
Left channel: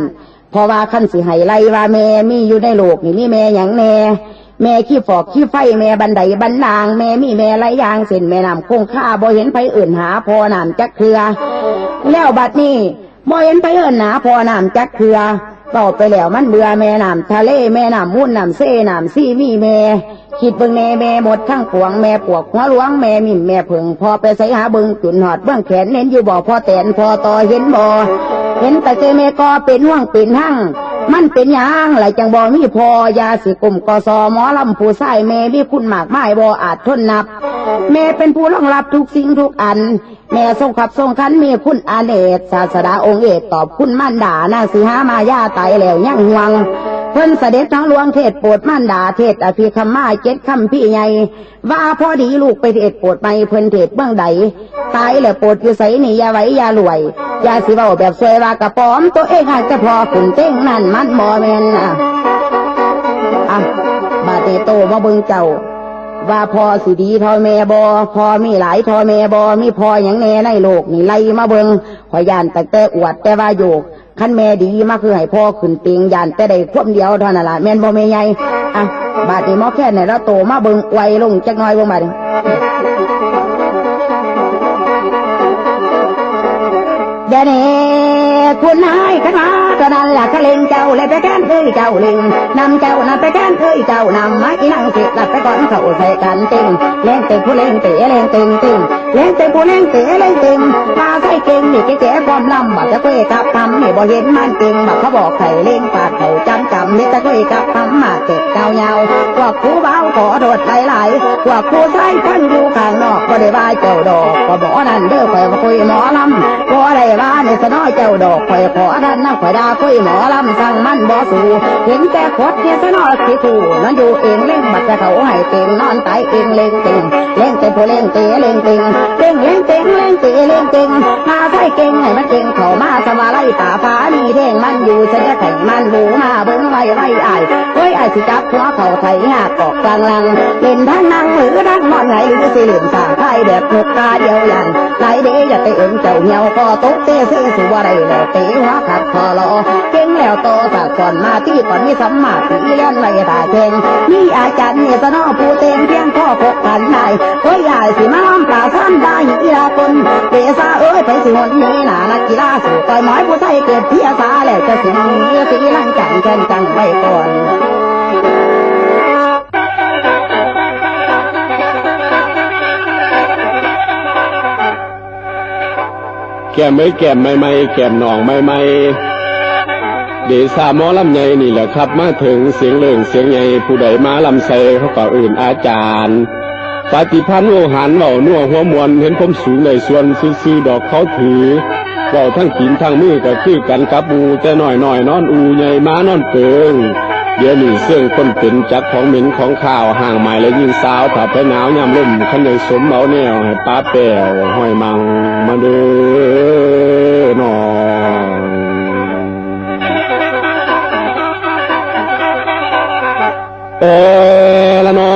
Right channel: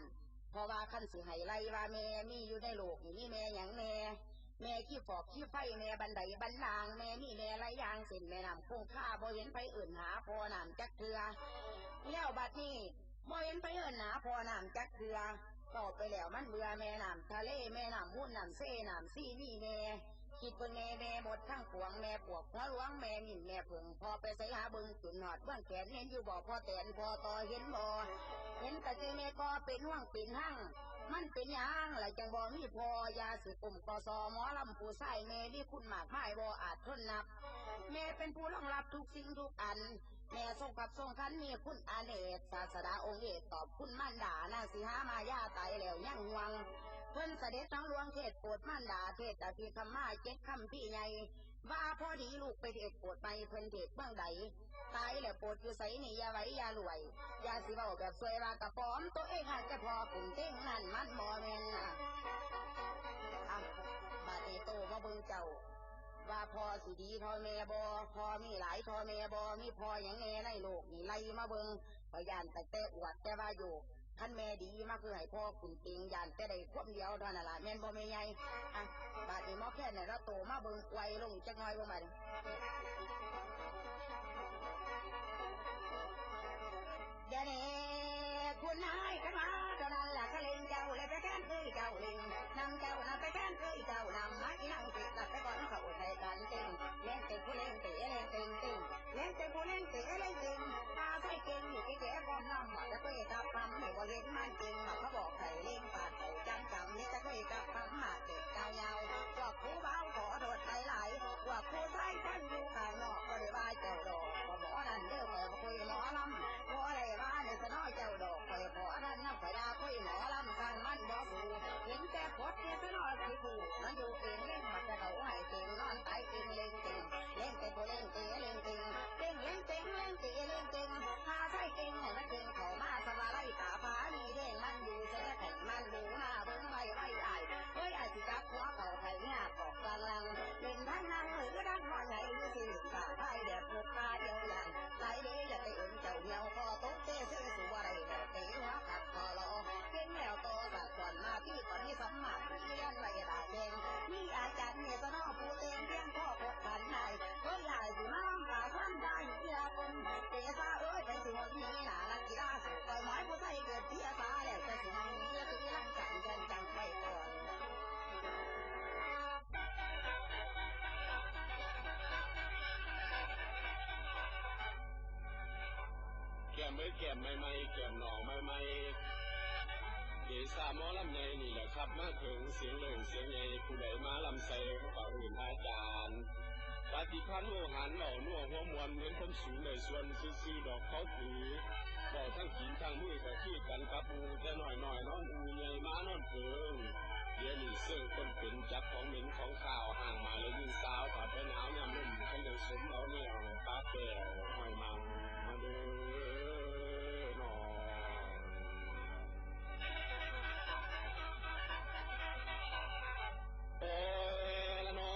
เพราะว่าขั้นสิให้ไล่ว่าแม่มีอยู่ในโลกนี่มีแม่หยังแน่แม่ขี้ฟอกขี้ไฟแม่บันไดบันนางแม่มีแม่ไรยางเส้นแม่น้ำคงค่าบ่เห็นไผอื่นหาพ่อน้ำจักเครือแล้วบัดนี้บ่เห็นไผอื่นหาพ่อน้ำจักเครือต่อไปแล้วมันเบื่อแม่น้ำทะเลแม่น้ำมุ่นน้ำเซ่น้ำซี่มีแม่คิดเบิ่งแม่หมดทั้งปวงแม่ปวกหัวหลวงแม่มิ่มแม่ผึ่งพอไปใส่หาเบิ่งจุนหอดเบื้องแขนเน้นอยู่บ่อพอแตนพอต่อเห็นบ่เห็นแต่เจแม่ก็เป็นห่วงเป็นหั่งมันเป็นหยังไหลจังบ่มีพอยาสิกลุ่มกสหมอลำผู้ใส่แม่มีคุณมากมายบ่อาจทนนับแม่เป็นผู้รองรับทุกสิ่งทุกอันแม่ทรงขับทรงขันมีคุณอาเนศศาสดาองค์เอกตอบคุณมั่นด่านางสีหามายาตายแล้วยังห่วงเพิ่นเสด็จทั้งหลวงเทศโปรดมั่นด่าเทศอภิคำมาเจ็ดคำพี่ใหญ่ว่าพอดีลูกไปเทศโปรดไปเพิ่นเทศเบื้องใดตายแล้วโปรดอยู่ใสนี่ยาไว้ยารวยยาสิเว้าแบบสวยว่ากระป๋อมตัวเองให้แต่พอขุนเต้งนั่นมันบ่แม่นบาดนี้โตมาเบิ่งเจ้าว่าพอสิดีทอแม่บอพอมีหลายทอแม่บอมีพออย่างแน่ในโลกนี่ไล่มาเบิงขอยานแต่อวดแต่ว่าโยกขั้นแม่ดีมาคือให้พ่อขึ้นเตียงยานแต่ได้ควบเดียวเท่านั้นละแม่นบ่แม่ใหญ่บาดนี้หมอแค่ไหนเราโตมาเบิงไวลงจักน้อยบ่บาดนี้เดี๋ยวนี้คุณนายขึ้นมาก็นั่นแหละก็เล่งเจ้าเลยไปแก้นเอ้ยเจ้าเล่งนำเจ้านั่นไปแก้นเอ้ยเจ้านำมาอีนั่งเสร็จหลับไปก่อนเขาใส่กันเต็งเล่งเต็งผู้เล่งเตะเล่งเต็งเต็งเล่งเต็งผู้เล่งเตะเล่งเต็งมาใส่เก่งนี่แก่ความลำบัดจะเก้กับทำนี่บ่เห็นมันเก่งบัดเขาบอกไข่เล่งปาดเขาจำนี่จะเก้กับทำมาเก็บเงาพวกผู้เบาขอโดดไหลพวกผู้ใส่พันอยู่ข้างนอกก็ได้ว่าเจ้าดอกก็บอกนั่นเด้อไปคุยหมอลำก็ได้ ว่าในสนอเจ้าดอกข่อยขอท่านนั่งข่อยดาคุยหมอลำสั่งมันบ่สู่เห็นแต่คดเนี่ยสนอสิถูนั่นอยู่เองเล่งบัดจะเขาให้เต็งนอนตายเองเล่งเต็งเล่งเต็งผู้เล่งเตะเล่งเต็งเล่งเล่งเต็งเล่งเตะเล่งเต็งมาใส่เก่งให้มันเก่งเข้ามาสมาไล่ป่าฟ้านี่เด้งมันอยู่ฉันจะแข่งมันบูมาเบิ้งไว้ไว้อ้ายเฮ้ยอ้ายสิจับหัวเขาไถหากกอกกลางลังเล่นทั้งนั่งหรือนั่งนอนไหนหรือสิเล่นสาไข่แบบนกกาเดียวยันไหนเด้อย่าไปเอิงเจ้าเหี่ยวก็ตกเตะเสียสู่อะไรแล้วเตะหัวขัดคอรอเก่งแล้วโตสักก่อนมาที่ก่อนมีสัมมาตีเลี้ยนไว้ตาเก่งนี่อาจารย์เนี่ยสนอผู้เต็งเพียงข้อพกกันนายเฮ้ยอ้ายสิมาล้อมปลาซ้ำได้อีลาคนเตะซาเอ้ยไปสิหนนี้หนานักกีฬาสู่ต่อยหมอยผู้ใส่เกิดเพียซาแล้วจะสิสีลังจังแข่งจังไว้ก่อนแก้มไม่แก้มไม่แก้มหนองไม่เดชาหมอลำใหญ่นี่แหละครับมาถึงเสียงเลื่องเสียงใหญ่ผู้ใดมาลำใส่เขาก็อื่นอาจารย์ปฏิพันธ์โอหันเบานัวหัวมวนเห็นผมสูงในส่วนซื้อดอกเขาถือเบาทั้งกินทั้งมือก็คือกันกับอูแต่น้อยนอนอูใหญ่มานอนเปิงเดี๋ยวนี้เสื่องคนเป็นจักของเหม็นของข้าวห่างใหม่และยิงสาวถ้าไปหนาวยามลมขันยังสมเอาแนวให้ป้าแป๋วห้อยมังมาเด้อนอละนอ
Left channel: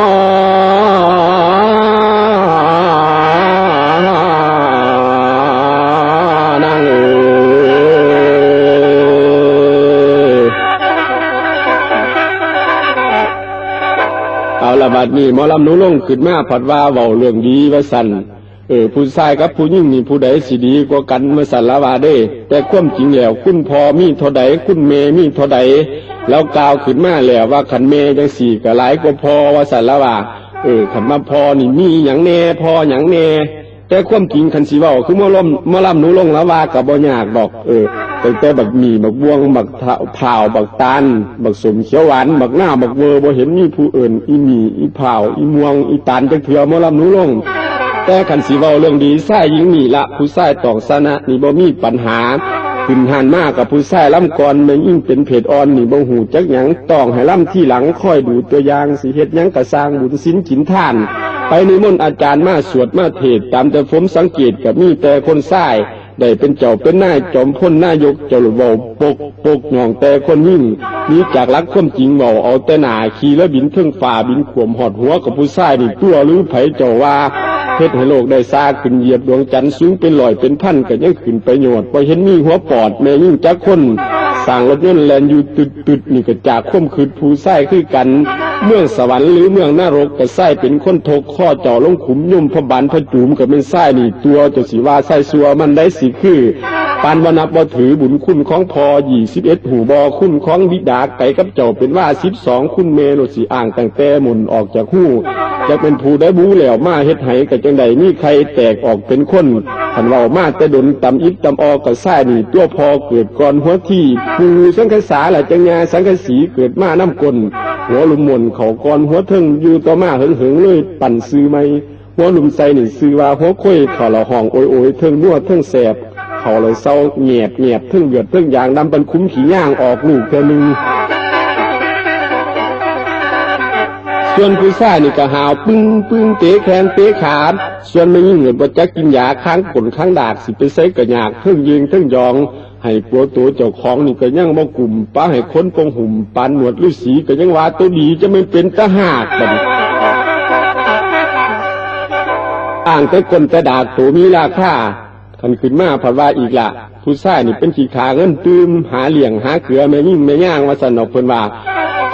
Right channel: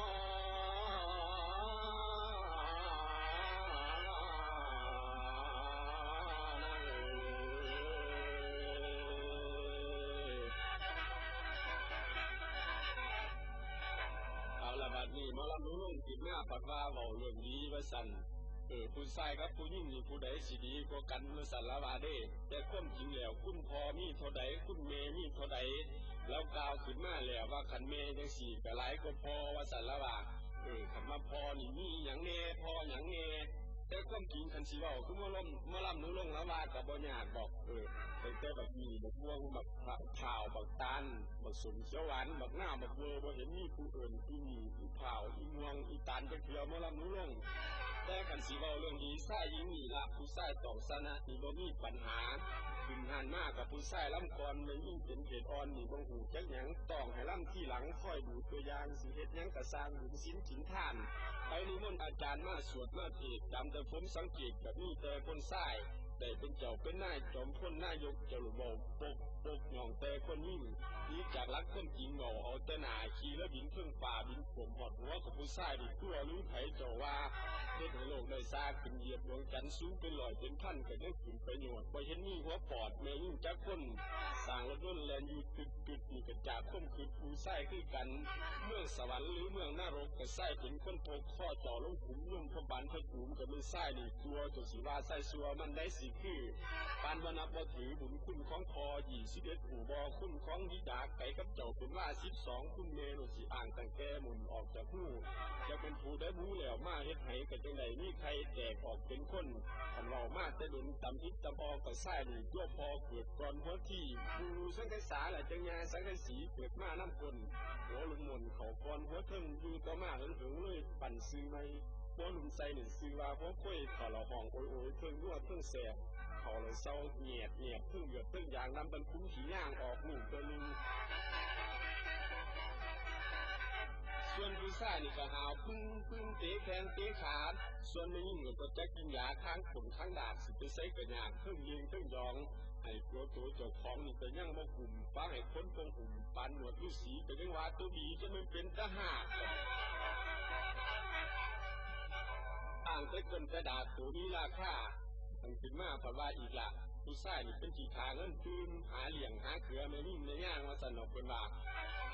นั่งเอาละบัดนี้หมอลำหนูลงขึ้นมาผัดว่าเว้าเรื่องดีว่าสั่นผู้ชายกับผู้หญิงนี่ผู้ใดสิดีกว่ากันมาสั่นละว่าเด้แต่ความจริงแล้วคุณพ่อมีเท่าใดคุณแม่มีเท่าใดแล้วกล่าวขึ้นมาแล้วว่าขันเมจังสี่ก็หลายกว่าพอว่าสันละว่าขันมาพอนี่มีอย่างแน่พออย่างแน่แต่ความจริงขันสีว่าคือมาล่ำหนูลงละว่ากับบ่ยากดอกตั้งแต่บักหมี่บักบวงบักเผาบักตาลบักสมเขียวหวานบักหน้าบักเวอร์บ่เห็นมีผู้อื่นอีหมี่อีเผาอีม่วงอีตาลจังเถื่อมาล่ำหนูลงแต่ขันสีว่าเรื่องดีใส่ยิงนี่ละผู้ใส่ตอกสนะนี่บ่มีปัญหาขึ้นหันมากกับผู้ชายล่ำก่อนแม่ยิ่งเป็นเพศอ่อนนี่บ่หูจักหยังต้องให้ล่ำที่หลังค่อยดูตัวอย่างสิเฮ็ดหยังกะสร้างบุญศีลกินทานไปนิมนต์อาจารย์มาสวดมาเทศตามแต่ผมสังเกตกับมีแต่คนชายได้เป็นเจ้าเป็นนายจอมพลนายกเจ้าหลวงเว้าปกหน่องแต่คนยิ่งนี้จากรักความจริงเว้าเอาแต่หน้าขี่แล้วบินเทิงฟ้าบินขวมหอดหัวกับผู้ชายนี่ตัวหรือไผเจ้าว่าเฮ็ดให้โลกได้ซาขึ้นเหยียบดวงจันทร์สูงเป็น100เป็นพันก็ยังขึ้นไปโยดบ่เห็นมีหัวปอดแม่ยิ่งจักคนสร้างรถยนต์แล่นอยู่ตึดนี่ก็จากข่มขืนผู้ชายคือกันเมืองสวรรค์หรือเมืองนรกก็ชายเป็นคนทกข้อจ่อลงขุมยุ่มพระบานพระจูมก็เป็นชายนี่ตัวเจ้าสิว่าชายซัวมันได้สิคือปานบ่นับบ่ถือบุญคุณของพ่อ21หูบ่คุณของบิดาไก่กับเจ้าเป็นว่า12คุณเมโนสิอ่างตั้งแต่หมุนออกจากหูจะเป็นผู้ได้บูแล้วมาเฮ็ดให้ก็จังได๋มีใครแตกออกเป็นคนคันเว้ามาแต่ดนตำอิบตำออกก็ชายนี่ตัวพอเกิดก่อนหัวที่ผู้สังฆษาหละจังญาสังฆสีเกิดมาน้ำกลหัวลุมมนเขาก่อนหัวเทิงอยู่ต่อมาเหิงเลยปั่นซื้อไหมหัวลุมใส่นี่ซื้อว่าหัวค่อยขอละห้องโอยเทิงนัวเทิงแสบเขาเลยเศร้าเงียบเทิงเดือดเทิงยางดำเป็นคุ้มขี้ย่างออกลูกเท่านึงส่วนผู้ชายนี่ก็หาวปึ้งเตะแขนเตะขาส่วนไม่ยิ่งเหมือนว่าจะกินยาค้างขนค้างดากสิไปใส่กระยากเทิงยิงเทิงยองให้ปัวตัวเจ้าของนี่ก็ยังบ่กลุ่มป้าให้คนปงหุ่มปานหนวดฤาษีก็ยังว่าตัวดีจะไม่เป็นตาหากบัดอ่างแต่คนแต่ดากตัวมีราคาคันขึ้นมาผัดว่าอีกละผู้ชายนี่เป็นขี้ขาเงินตื้มหาเหลี่ยงหาเกลือแม่ยิ่งแม่ย่างว่าสนอกเพิ่นว่า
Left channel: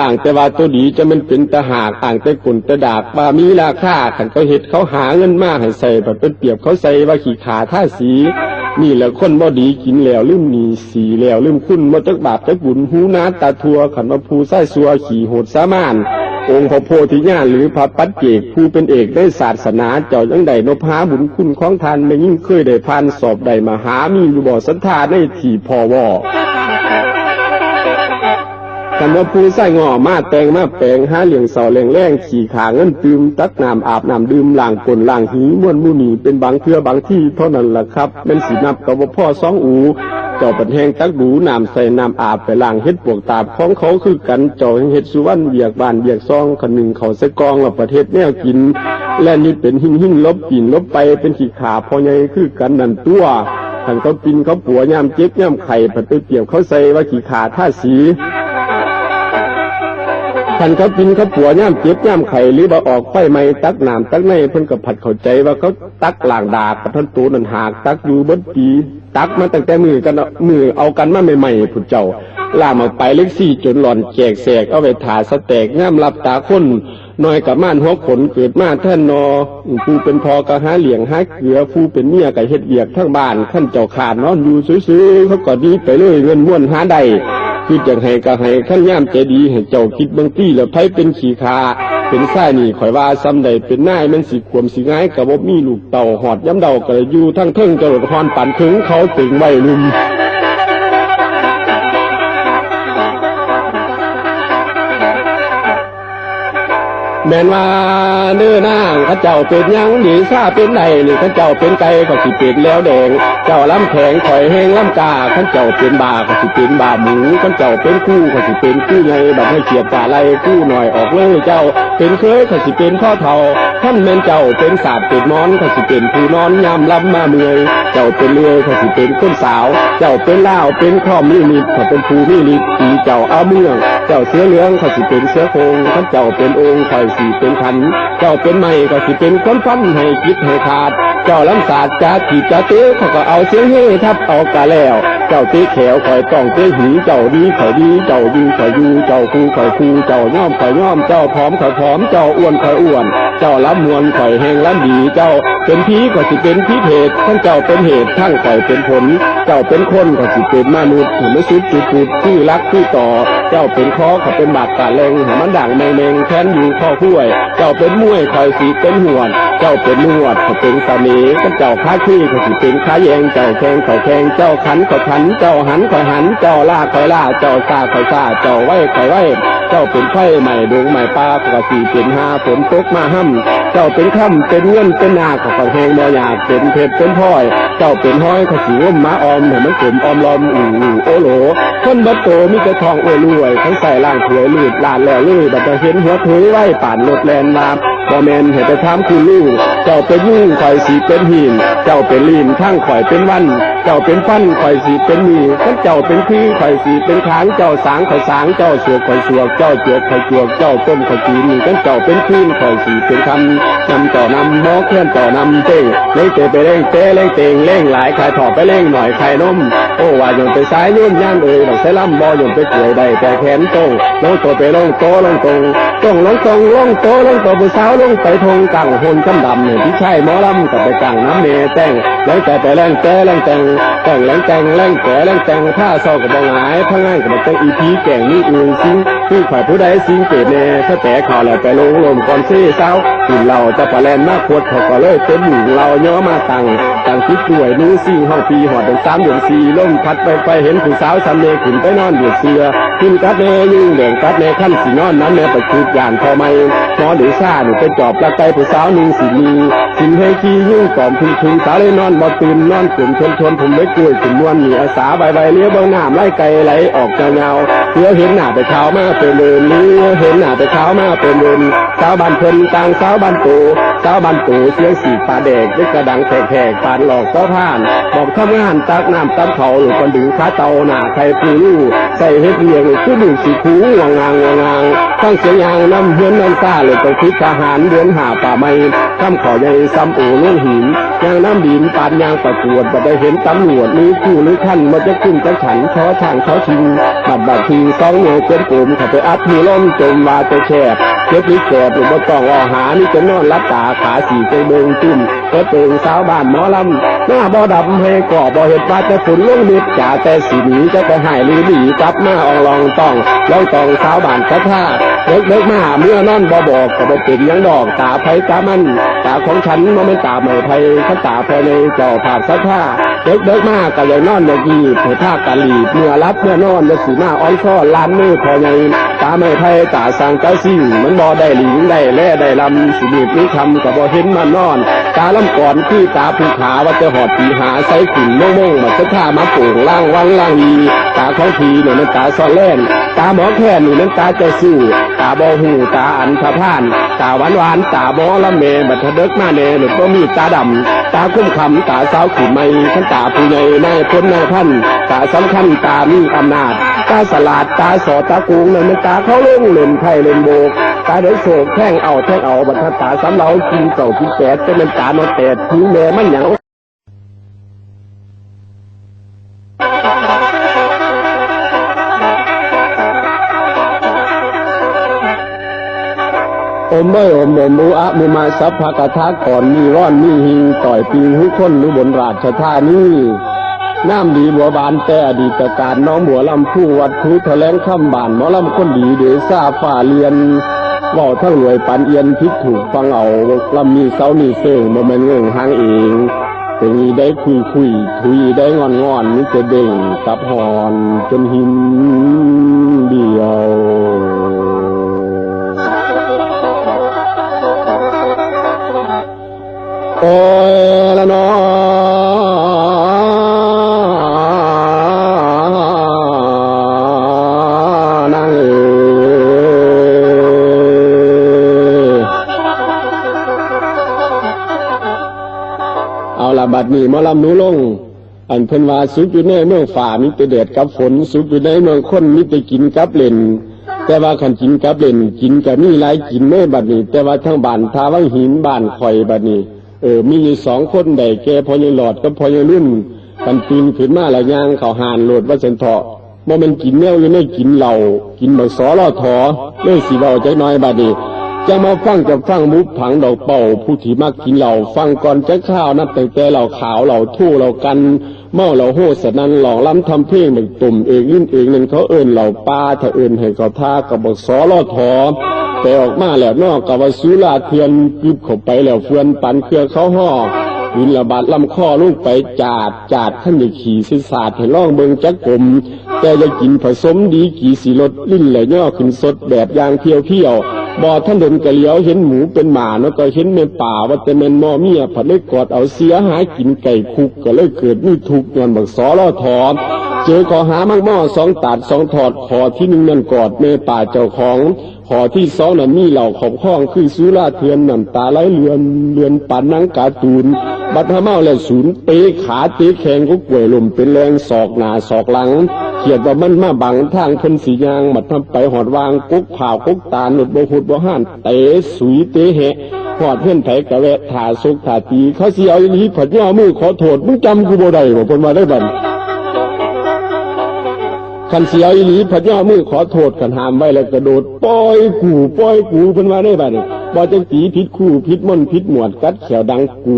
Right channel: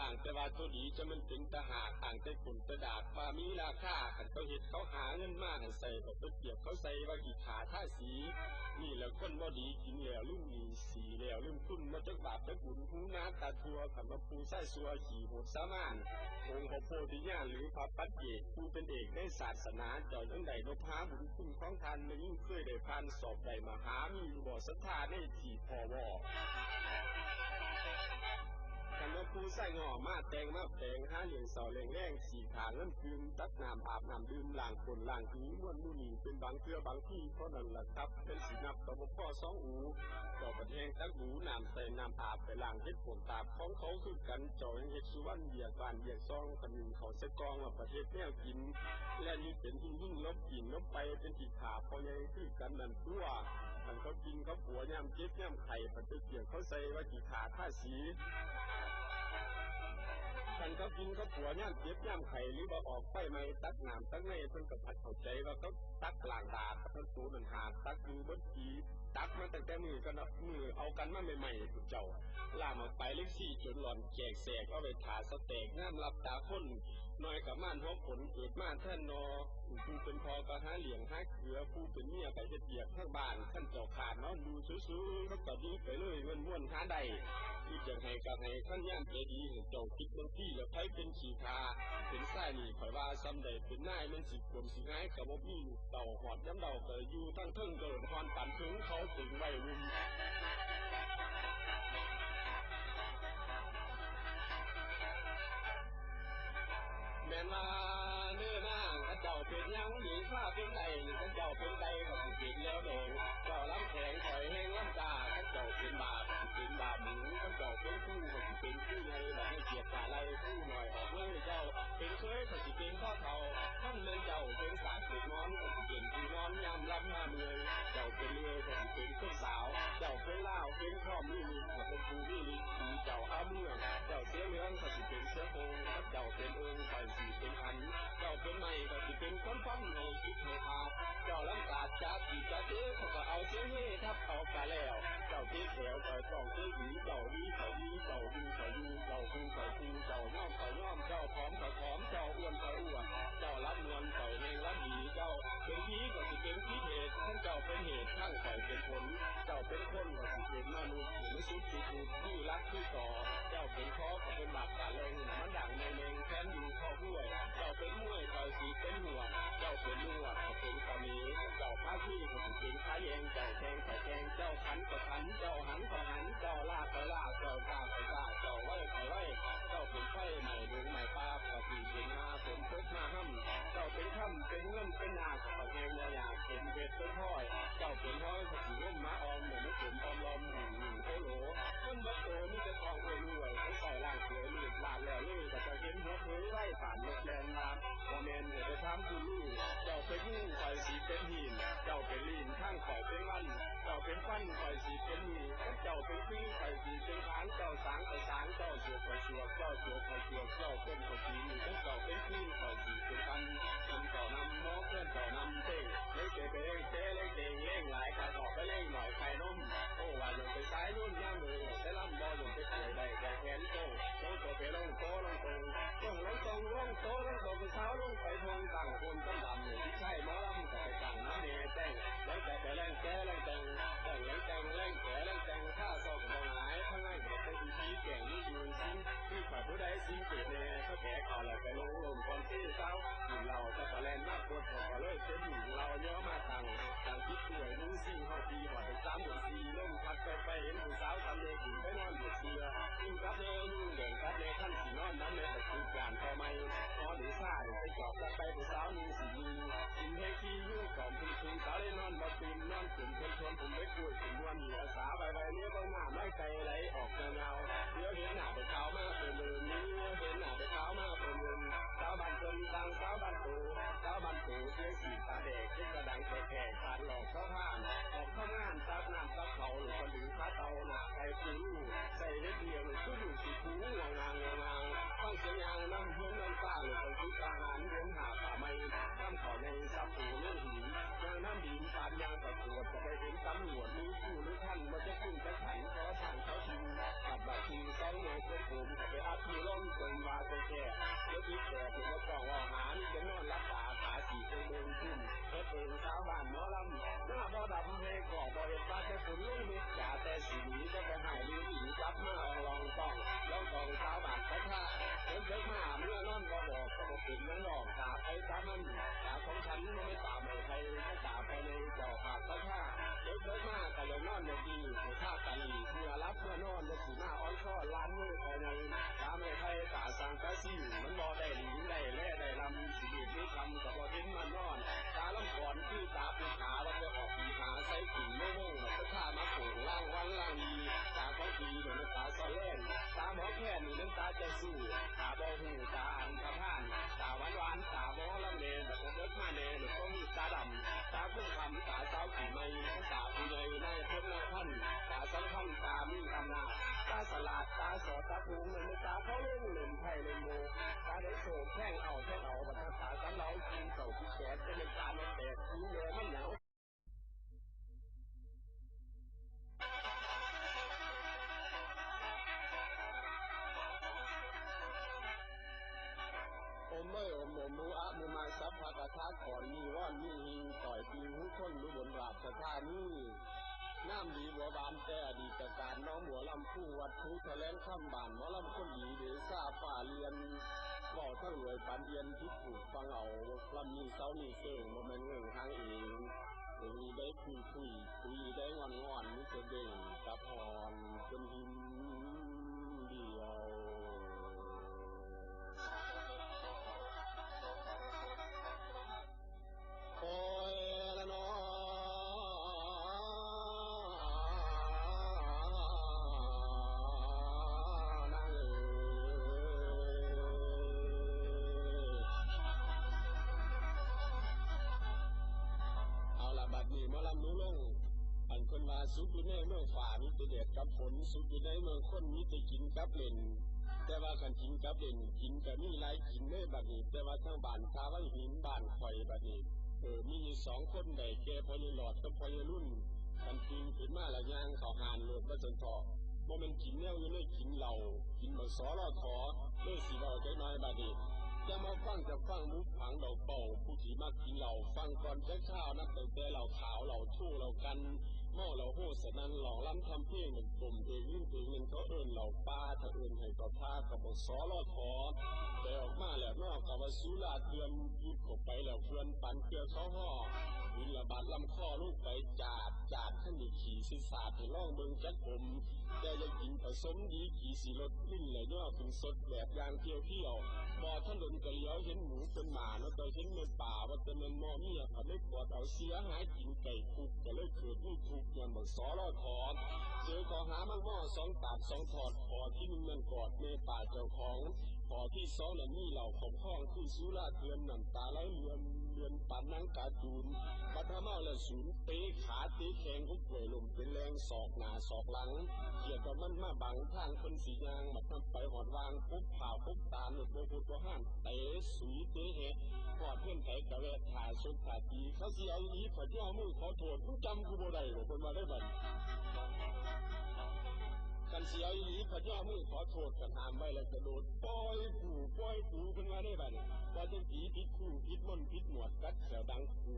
อ่างแต่ว่าตัวดีจะมันเป็นตาหากอ่างแต่คนแต่ดากว่ามีราคาคันเขาเฮ็ดเขาหาเงินมาให้ใส่แบบเป็นเปรียบเขาใส่ว่าขี้ขาท่าสีนี่แหละคนบ่ดีกินแล้วลืมหนีสีแล้วลืมคุณบ่จักบาปจักบุญหูนาตาทัวขันว่าผู้ใส่ซัวขี่โหดสามานองค์พระโพธิญาณหรือพระปัจเจกผู้เป็นเอกได้ศาสนาเจ้าจังใดนพหาบุญคุณของท่านไม่ยิ่งเคยได้ผ่านสอบใดมาหามีอยู่บ่ศรัทธาในที่พอวอ กันว่าผู้ใส่งอมาแต่งมาแปลงหาเลี้ยงเสาแรงแรงขี่ขาเงินตืมตักน้ำอาบน้ำดื่มล้างก้นล้างหีม้วนมูนีเป็นบางเทื่อบางที่เท่านั้นล่ะครับเป็นสีนับกับว่าพ่อสองอูเจ้าปันแหงตักดูน้ำใส่น้ำอาบไปล้างเฮ็ดปวกตาบของเขาคือกันเจ้าเฮ็ดสุวรรณเบียกบานเบียกซองคนหนึ่งเขาใส่กองและประเทศแนวกินและนี่เป็นหิ่งลบปีนลบไปเป็นขี้ขาพอใหญ่คือกันนั่นตัวท่านเขาปินเขาปัวย่ำเจ็บย่ำไข่ผัดไปเปรียบเขาใส่ว่าขี้ขาท่าสีท่านเขาปินเขาปัวย่ำเจ็บย่ำไข่หรือว่าออกไฟไหม้ตักน้ำตักในเพิ่นกับผัดเข้าใจว่าเขาตักล่างดากับท่านตูนันหากตักอยู่บนปีตักมาตั้งแต่มือเอากันมาใหม่ๆผุดเจ้าล่ามาไปเล็กซี่จนหล่อนแจกแสกเอาไปถ่าสแตกง่ามรับตาคนน้อยกับม่านหัวขนเกิดมาท่านนอผู้เป็นพอกะหาเหลี่ยงหาเกลือผู้เป็นเมียกับเฮ็ดเบียกทั้งบ้านท่านเจ้าขาดนอนอยู่ซื้อๆเขาก็ดีไปเลยเงินม้วนหาได้คือจังให้ก็ให้ท่านย่ามใจดีให้เจ้าคิดบางที่แล้วไผเป็นขี้ขาเป็นไส้นี่ข่อยว่าซ้ำใดเป็นนายมันสิขวมสิง่ายกับบ่มีลูกเต่าหอดย้ำเดาก็อยู่ทั้งเทิงจรดฮอนปั่นถึงเขาถึงไว้ลุมแม่นว่าเนื้อนางข้าเจ้าเป็นยังดีซาเป็นใดนี่ข้าเจ้าเป็นไก่ก็สิเป็นแล้วแดงเจ้าล้ำแข็งข่อยแห้งล้ำกาข้าเจ้าเป็นบาก็สิเป็นบาหมูข้าเจ้าเป็นคู่ก็สิเป็นคู่ไงบัดให้เขียดตาไล่คู่หน่อยออกเลยเจ้าเป็นเคยก็สิเป็นพ่อเฒ่าท่านแม่นเจ้าเป็นศาสตร์เป็นมอนก็สิเป็นผู้นอนยามล้ำมาเมื่อยเจ้าเป็นเลื่อยก็สิเป็นคนสาวเจ้าเป็นล่าวเป็นข้อมีนิดก็เป็นผู้มีนิดตีเจ้าเอาเมืองเจ้าเสือเหลืองก็สิเป็นเสือโคงข้าเจ้าเป็นองค์ข่อยสิเป็นขันเจ้าเป็นไม้ก็สิเป็นคนฟันให้คิดให้ขาดเจ้าล้ำศาสตร์จะขีดจะเตะเขาก็เอาเสียงเฮ่ทับเอากะแล้วเจ้าเตะแขวข่อยต้องเตะหีเจ้าดีข่อยดีเจ้าดีข่อยอยู่เจ้าคู่ข่อยคู่เจ้าย่อมข่อยย่อมเจ้าผอมข่อยผอมเจ้าอ้วนข่อยอ้วนเจ้าล้ำมวลข่อยแห้งล้ำดีเจ้าเป็นผีก็สิเป็นผีเพศทั้งเจ้าเป็นเหตุทั้งข่อยเป็นผลเจ้าเป็นคนก็สิเป็นมนุษย์ไม่สุดจุดจุดที่รักที่ต่อเจ้าเป็นคอเขาเป็นบาดกาเลงหัวมันด่างแมงแค้นอยู่ข้อคุ้ยเจ้าเป็นมวยคอยสีเป็นหวดเจ้าเป็นนวดเขาเป็นสามีกันเจ้าค้าขี้เขาสิเป็นค้าแยงเจ้าแข่งเขาแข่งเจ้าขันเขาขันเจ้าหันเขาหันเจ้าล่าเขาล่าเจ้าซาเขาซาเจ้าไหวเขาไหวเจ้าเป็นไฟใหม่ดวงใหม่ปลาปกติเป็นหาฝนตกมาห้ำเจ้าเป็นค่ำเป็นเงินเป็นนาเขาแหงบ่อยากเป็นเพชรเป็นพลอยเจ้าเป็นห้อยเขาสีร่มม้าออมเหมือนมันกลุ่มออมลอมโอโหลคนบัดโตมีแต่ทองอวยรวยทั้งใส่ล่างถวยลืดลานแล้วเลยบัดจะเห็นหัวถุยไหวป่านรถแลนลาบ่แมนเห็นแต่ถามคือลูกเจ้าเป็นยุ่งข่อยสีเป็นหินเจ้าเป็นลีนทั้งข่อยเป็นวันเจ้าเป็นฟันข่อยสีเป็นมีทั้งเจ้าเป็นขี้ข่อยสีเป็นค้างเจ้าสางข่อยสางเจ้าสวกข่อยสวกเจ้าจวกข่อยจวกเจ้าต้มข่อยจีนทั้งเจ้าเป็นขี้ข่อยสีเป็นคำนำเจ้านำหม้อเคลื่อนเจ้านำเต้งเล่งเตะไปเล่งเตะเล่งเตงเล่งหลายขายถอดไปเล่งหน่อยขายนมโอ้ว่าโยนไปซ้ายนุ่นย่างดอกเสล่ำบ่โยนไปเกลือได้แต่แขนตรงน้องตัวไปลงโตลงตรงต้องลงตรงลงโตลงตัวผู้สาวลงไปทงกังหนกำดำเนี่ยที่ใช่หมอลำกับไปกังน้ำเมแต่งแรงแต่ไปแรงแต่แรงแต่งแต่งแรงแต่งแรงแต่แรงแต่งถ้าเศร้ากับบองหายพังง่ายกับต้องอีพีแก่งนี่อื่นซิงคือข่อยผู้ใดซิงเกตเน่ถ้าแต่ข่าวแล้วไปลงลมก่อนซี่เศร้ากินเราจะปลาแลนมากขวดเขาก็เลยเป็นหมู่เราย่อมาตังคิดด้วยนู้ซิ่งห้องปีหอดเดือน3 เดือน 4ล่มพัดไปเห็นผู้สาวซ้ำเนขึ้นไปนอนเดือดเสือขึ้นกัดเนยิ่งแดงกัดเนขั้นสีนอนนั้นเนไปคือยานพอไม่นอนหรือซ่าหนูไปจอบละไกผู้สาวหนึ่งสีมีสินให้ขี้ยุ่งกล่อมพึงสาวเลยนอนบ่ตื่นนอนกลุ่มชนผมไม่กล้วยถึงนวลมีอาสาใบเลี้ยเบื้องหน้าไล่ไกลไหลออกเงาเลี้ยเห็นหน้าไปเท้ามาเป็นเดินเลี้ยเห็นหน้าไปเท้ามาเป็นเดินสาวบ้านเพิ่นต่างสาวบ้านตูเสียงสีปลาแดกได้กระดังแทกปานหลอกเจ้าผ่านบอกทำงานตักน้ำตำเขาหรือคนดึงขาเตาหน้าใครปูลู่ใส่เฮ็ดเลี้ยงคือดึงสีคูวางางทั้งเสียงยางน้ำเฮือนน้ำซ่าเลยต้องคิดทหารเดือนหาป่าไม้ข้ามขอใหญ่ซ้ำโอลุ่งหินยางน้ำดินปานยางประกวดบัดได้เห็นตำรวจมีคู่หรือขั้นมันจะขึ้นจะขันช้อช่างช้อชิงบัดที2 เหนียวเกินโกมเขาไป อัดหูล้มจมว่าจะแคบเจ็บนี่แคบหรือบ่ต้องอหานี่จะนอนรับตาขาสีใจเบิงจุ่มก็เติงสาวบ้านหมอลำหน้าบ่ดำให้ก่อบ่เห็ดว่าจะฝนลงนิดจ่าแต่สีหนีจะไปหายลือหนีกลับมาอองลองต้องลองต้องสาวบ้านกระท่าเลิกมาเมื่อนอนบ่บอกก็บ่เป็นยังดอกตาไผตามันตาของฉันมันไม่ตาไม่ไผขันตาภายในเจ้าภาพสัทธาเลิกมาก็เลยนอนอย่างดีเผื่อท่ากะหลีเมื่อรับเมื่อนอนจะสีหน้าอ้อนซ้อนล้านมือพอใหญ่ตาไม่ไผตาสร้างเจ้าสิ่งมันบ่ได้หลิงได้แล่ได้ลำสิบีบนี้คำก็บ่เห็นมันนอนตาลำก่อนที่ตาภูขาว่าจะหอดปีหาใส่ขุ่นโม่งมาสัทธามาโป่งล่างวังล่างดีตาของทีเนี่ยมันตาซ้อนเล่นตาหมอแค่นี่มันตาใจสู้ตาบ่หูตาอันทพานตาหวานตาบ่ละเมบัดเด็กมาแน่หรือก็มีตาดำตาคุ้มคำตาสาวขุ่นไม่ขันตาผู้ใหญ่นายพ้นนายพันตาสำคัญตามีอำนาจตาสลาดตาสอดตากูงเนี่ยมันตาเขาเล่นเล่นไพ่เล่นโบกตาเดือดโศกแท่งเอาบัดตาสำเนากินเก่ากินแก่จะเป็นตาโนแตดผิวแม่มันอย่างอมไม่อมมูอะมูมาสัพพะกะทะก่อนมีร้อนมีหิงต่อยปีหุคนหรือบนราชธานีน้ำดีบัวบานแต่อดีตการน้องบัวลำผู้วัดคูแถลงคำบานหมอลำคนดีเดซ่าฝ่าเลียนว่าทั้งรวยปันเอียนพิษถูกฟังเอาลำมีเสานี่เสื่องบ่แม่นเงื่องหางเองตรงนี้ได้คุยทุยได้งอนนี่จะเด้งกับหอนจนหินเดียวโอ้ยละน้อนางเอาละบัดนี้หมอลำหนูลงอันเพิ่นว่าสุขอยู่ในเมืองฝ่ามิตรเดชกับฝนสุขอยู่ในเมืองคนมิตรกินกับเล่นแต่ว่าขันกินกับเล่นกินกับนี่หลายกินเมื่อบัดนี้แต่ว่าทั้งบ้านทาวังหินบ้านข่อยบัดนี้มีอยู่สองคนได้แก่พอยายหลอดกับพอยายรุ่นกันปีนขึ้นมาละย่างเขาหานโหลดว่าเส้นเถาะบ่มันกินแนวอยู่ในกินเหล้ากินบักสอลอถอเลยสิเว้าใจน้อยบัดนี้จะมาฟังมุกผังดอกเป่าผู้ที่มักกินเหล้าฟังก่อนจะข้าวนับตั้งแต่เหล้าขาวเหล้าทู่เหล้ากันเมาเหล้าโหสนั่นหลอกล้ำทำเพลงบักตุ่มเองลิ้นเองนั่นเขาเอิ้นเหล้าปลาถ้าเอิ้นให้เขาท่ากับบักสอลอถอแต่ออกมาแล้วนอกกับว่าสุราเทียนกึบเข้าไปแล้วเฟือนปันเครือเขาห่อวินระบาดลำคอลงไปจาดท่านอย่าขี่สิศาสตร์ให้ล่องเบิงจักกลมแต่อย่ากินผสมดีกี่สีรสลิ้นไหลย่อขึ้นสดแบบยางเที่ยวบ่ท่านเดินกะเลี้ยวเห็นหมูเป็นหมาแล้วก็เห็นแม่ป่าว่าแต่แม่นมอเมียผัดเลยกอดเอาเสียหายกินไก่คุกก็เลยเกิดมีทุกข์ย้อนบักสอลอถอเจอขอหามากม่อสองตาดสองถอดขอที่หนึ่งนั่นกอดแม่ป่าเจ้าของขอที่สองนั้นมีเหล่าขอบข้องคือสุราเทือนน้ำตาไหลเลือนปันนังกาตูนบัดหาเมาแล้วศูนย์เตะขาเตะแขงก็ป่วยลมเป็นแรงศอกหน้าศอกหลังเขียดว่ามันมาบังทางเพิ่นสียางบัดทำไปหอดวางกุ๊กผ่ากุ๊กตาหนุดบ่หุดบ่ห่านเตะสุยเตะแหะหอดเพื่อนไผกะแวะถ่าซุกถ่าตีเขาสิเอาอีผัดย่อมือขอโทษมึงจำกูบ่ได้บ่เพิ่นว่าได้บัดขันเสียอีหลีพระเจ้ามือขอโทษกันหามไว้แล้วกระโดดปล่อยกูเพิ่นว่าได้บัดนี้บ่จังตีผิดคู่ผิดมนผิดหมวดกัดแขวดังก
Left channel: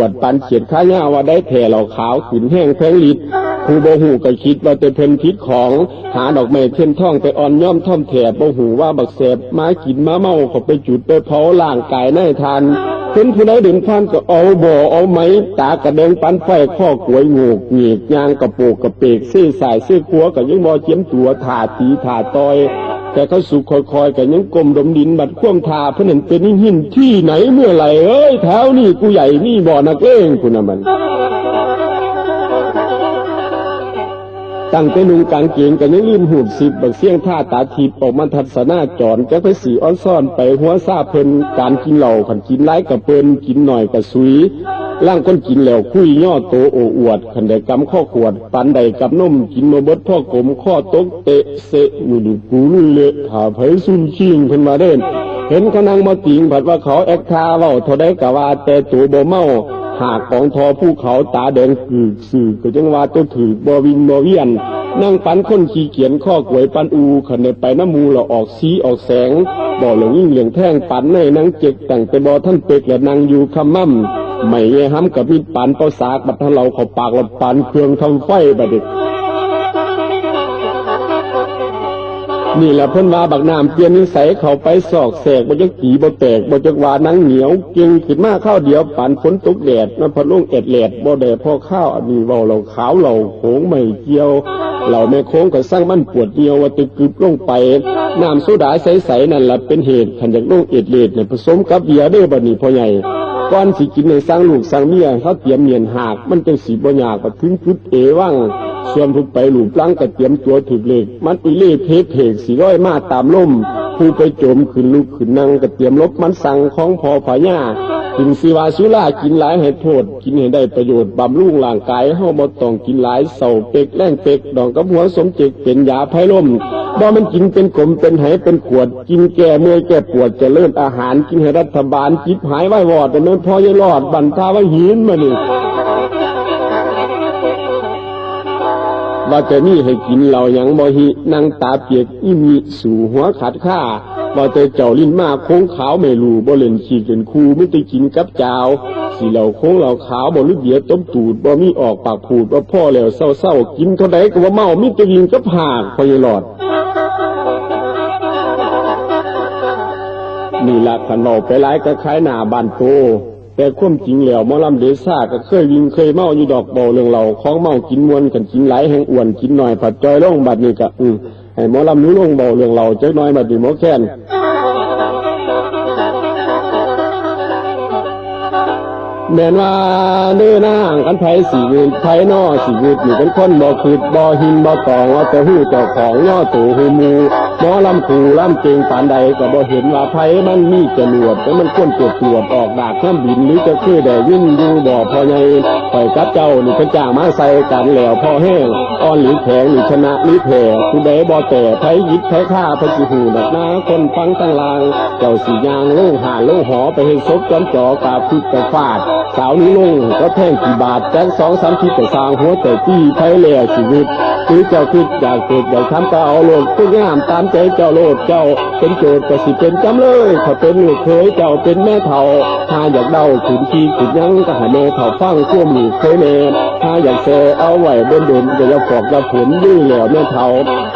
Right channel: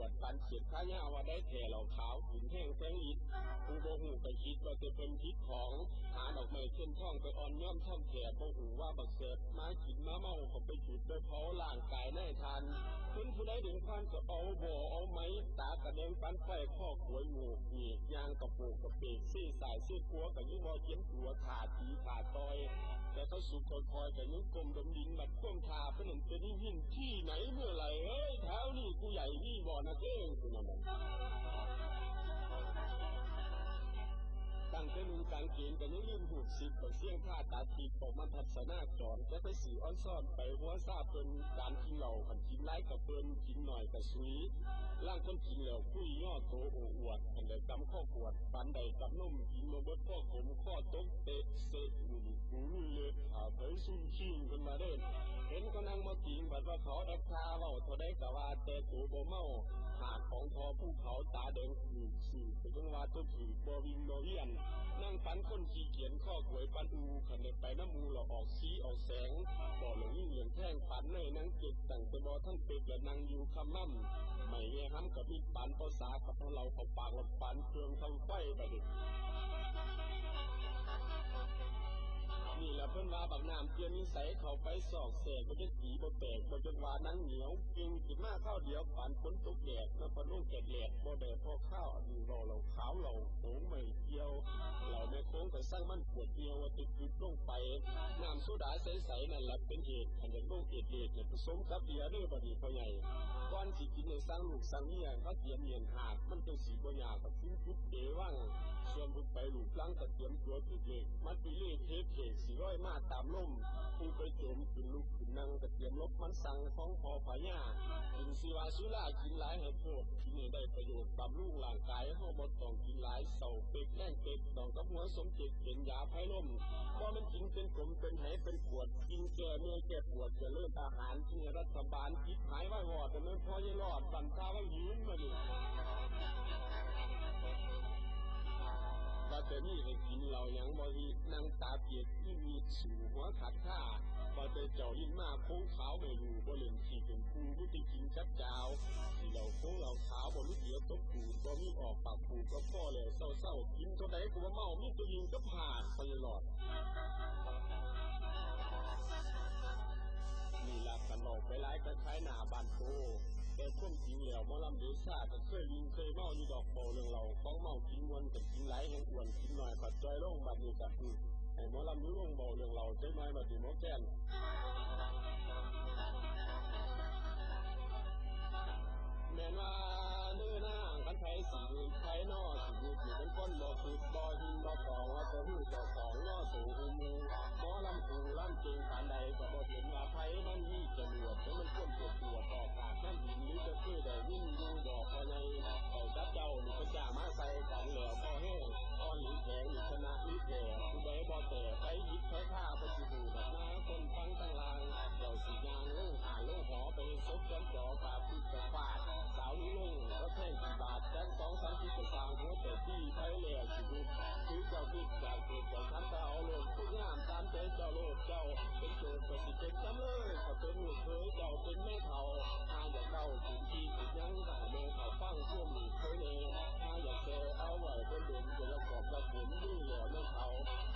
วดปันเขียดข้าหญ้าว่าได้แผ่เหล่าขาวขึ้นแห้งแพงลิดผู้บ่ฮู้ก็คิดว่าแต่เพิ่นผิดของหาดอกไม้เทียนทองไปอ่อนย่อมท่อมแถบบ่ฮู้ว่าบักแสบมากินมาเมาเขาไปจุดไปเผาร่างกายนายทานเพิ่นผู้ใดเดินผ่านก็เอาบ่เอาไหมตากระเดงปันไฟข้อกวยโงกงีกยางกระโปกกระเปกซี่สายซี่ขัวก็ยังบ่เจียมตัวถ่าตีถ่าตอยแต่เขาสุขคอยๆก็ยังกลมดมดินบัดข่วงทาเพิ่นเห็นเป็นหินที่ไหนเมื่อไหร่เอ้ยแถวนี้กูใหญ่นี่บ่อนักเลงคุณน่ะมันตั้งแต่นุ่งกางเกงกันยังลืมหูดสิบบักเสียงท่าตาทิพย์ออกมาทัศนาจรจะไปสีอ้อนซ่อนไปหัวซาเพิ่นการกินเหล้าขันกินไร้กับเปิ้นกินหน่อยกับสุยร่างคนกินแล้วคุยย่อโตโออวดขันได้กำข้อขวดปันใดกับนมกินมาบดพ่อกลมข้อตกเตะเสะมือกูลุยเละขาไผซุ่มชิงเพิ่นมาเด่นเห็นเขานั่งมาติงผัดว่าเขาแอกทาเว้าเท่าได้กะว่าแต่ตัวบ่เมาหากของทอผู้เขาตาแดงกึกสื่อก็จังว่าตัวถือบ่วิงบ่เวียน นั่งปันคนขี้เกียจข้อกวยปันอูขันได้ไปน้ำมูเราออกสีออกแสงบ่เหลืองยิ่งเหลืองแท่งปันในนังเจ็กตั้งแต่บ่ท่านเป็กและนางอยู่คำมั่มไม่แย่ห้ำกับมีดปันเป้าสากบัดทะเราเขาปากละปันเครื่องทำไฟบัดเด็กนี่แหละเพิ่นว่าบักน้ำเปลี่ยนนิสัยเขาไปสอกแสกบ่จักตีบ่แตกบ่จักว่านังเหนียวเก่งขึ้นมาข้าวเดียวปันฝนตกแดดมันพัดลงแอดแหลดบ่ได้พอข้าวอันนี้เว้าเราขาวเราโขงไม่เกี่ยวเราแม่โค้งก็สร้างมันปวดเดียวว่าตึกกึบลงไปน้ำโซดาใสๆนั่นล่ะเป็นเหตุขันจากลงแอดแหลดเนี่ยผสมกับเบียร์เด้อบัดนี้พ่อใหญ่ก่อนสิกินในสร้างลูกสร้างเมียเขาเตรียมเมียนหากมันจังสิบ่ยากก็ถึงจุดเอวังส่วนผู้ไปหลูปลังก็เตรียมตัวถึกเลขมันอีเล่เพสิร้อยมาตามลมผู้ไปโจมขึ้นลุกขึ้นนั่งก็เตรียมลบมันสั่งของพอพญาถึงสิวาสุรากินหลายให้โทษกินให้ได้ประโยชน์บำรุงร่างกายเฮาบ่ต้องกินหลายเศร้าเป็กแรงเป็กดองกับหัวสมเจกเป็นยาไผ่ลมบ่มันกินเป็นกลมเป็นไหเป็นขวดกินแก้เมื่อยแก้ปวดเจริญอาหารกินให้รัฐบาลจิบหายไว้วอดแต่นั้นพอยังรอดบั่นทาว่าหินมานี่ว่าจะนี่ให้กินเรายังบ่หินั่งตาเปียกอีมีสู่หัวขาดข้าว่าแต่เจ้าลิ้นมาโค้งขาวไม่รู้บ่เล่นขี้เป็นคูไม่ได้กินกับเจ้าสิเหล่าโค้งเหล่าขาวบ่ลึกเดียต้มตูดบ่มีออกปากพูดว่าพ่อแล้วเศร้ากินเท่าใดก็ว่าเมามิตรยิงกับหากพอยหลอดนี่ละขันเราไปหลายก็คล้ายหน้าบ้านโตแต่ความจริงแล้วหมอลำเดซ่าก็เคยวิ่งเคยเมาอยู่ดอกเบาเรื่องเราของเมากินมวนกันกินหลายแห่งอ้วนกินหน่อยผัดจอยลงบัดนี้ก็ให้หมอลำนู้ลงเบาเรื่องเราจักน้อยบัดนี้หมอแค้นแม่นว่าเด้อนางกันไผสิเงินไผนอสิเงินอยู่เป็นคนบ่คืดบ่หินบ่ตองว่าแต่ฮู้เจ้าของย่อตู่ฮู้มูหมอลำขู่ลำเก่งปานใดก็บ่เห็นว่าไผมันมีจรวดแต่มันควรตรวจออกดากเครื่องบินหรือจะคือได้ยินอยู่บ่พอใหญ่ปล่อยกับเจ้านี่เพิ่นจ้างมาใส่กันแล้วพอแห้งอ่อนหรือแข็งหรือชนะหรือแพ้ผู้ใดบ่แต่ไผยิบไผฆ่าเพิ่นสิฮู้นักหน้าคนฟังทั้งลางเจ้าสิย่างลงหาลงหอไปเฮ็ดศพจอมจ่อกาพึกกะฟาดสาวนี้ลงก็แท่งกี่บาทแจ้ง2-3 ทีแต่สร้างหัวใจตี้ไทยแหล่ชีวิตคือเจ้าคิดอยากเกิดอยากทำก็เอาโลดทุกอย่างตามใจเจ้าโลดเจ้าเป็นโจทย์ก็สิเป็นจำเลยถ้าเป็นลูกเคยเจ้าเป็นแม่เฒ่าถ้าอยากเดาขุนขี้ขุนยังก็ให้แม่เฒ่าฟังควมลูกเคยแน่ถ้าอยากแซ่เอาไว้เดินก็อย่าฟอกอย่าผลยื้อแล้วแม่เฒ่า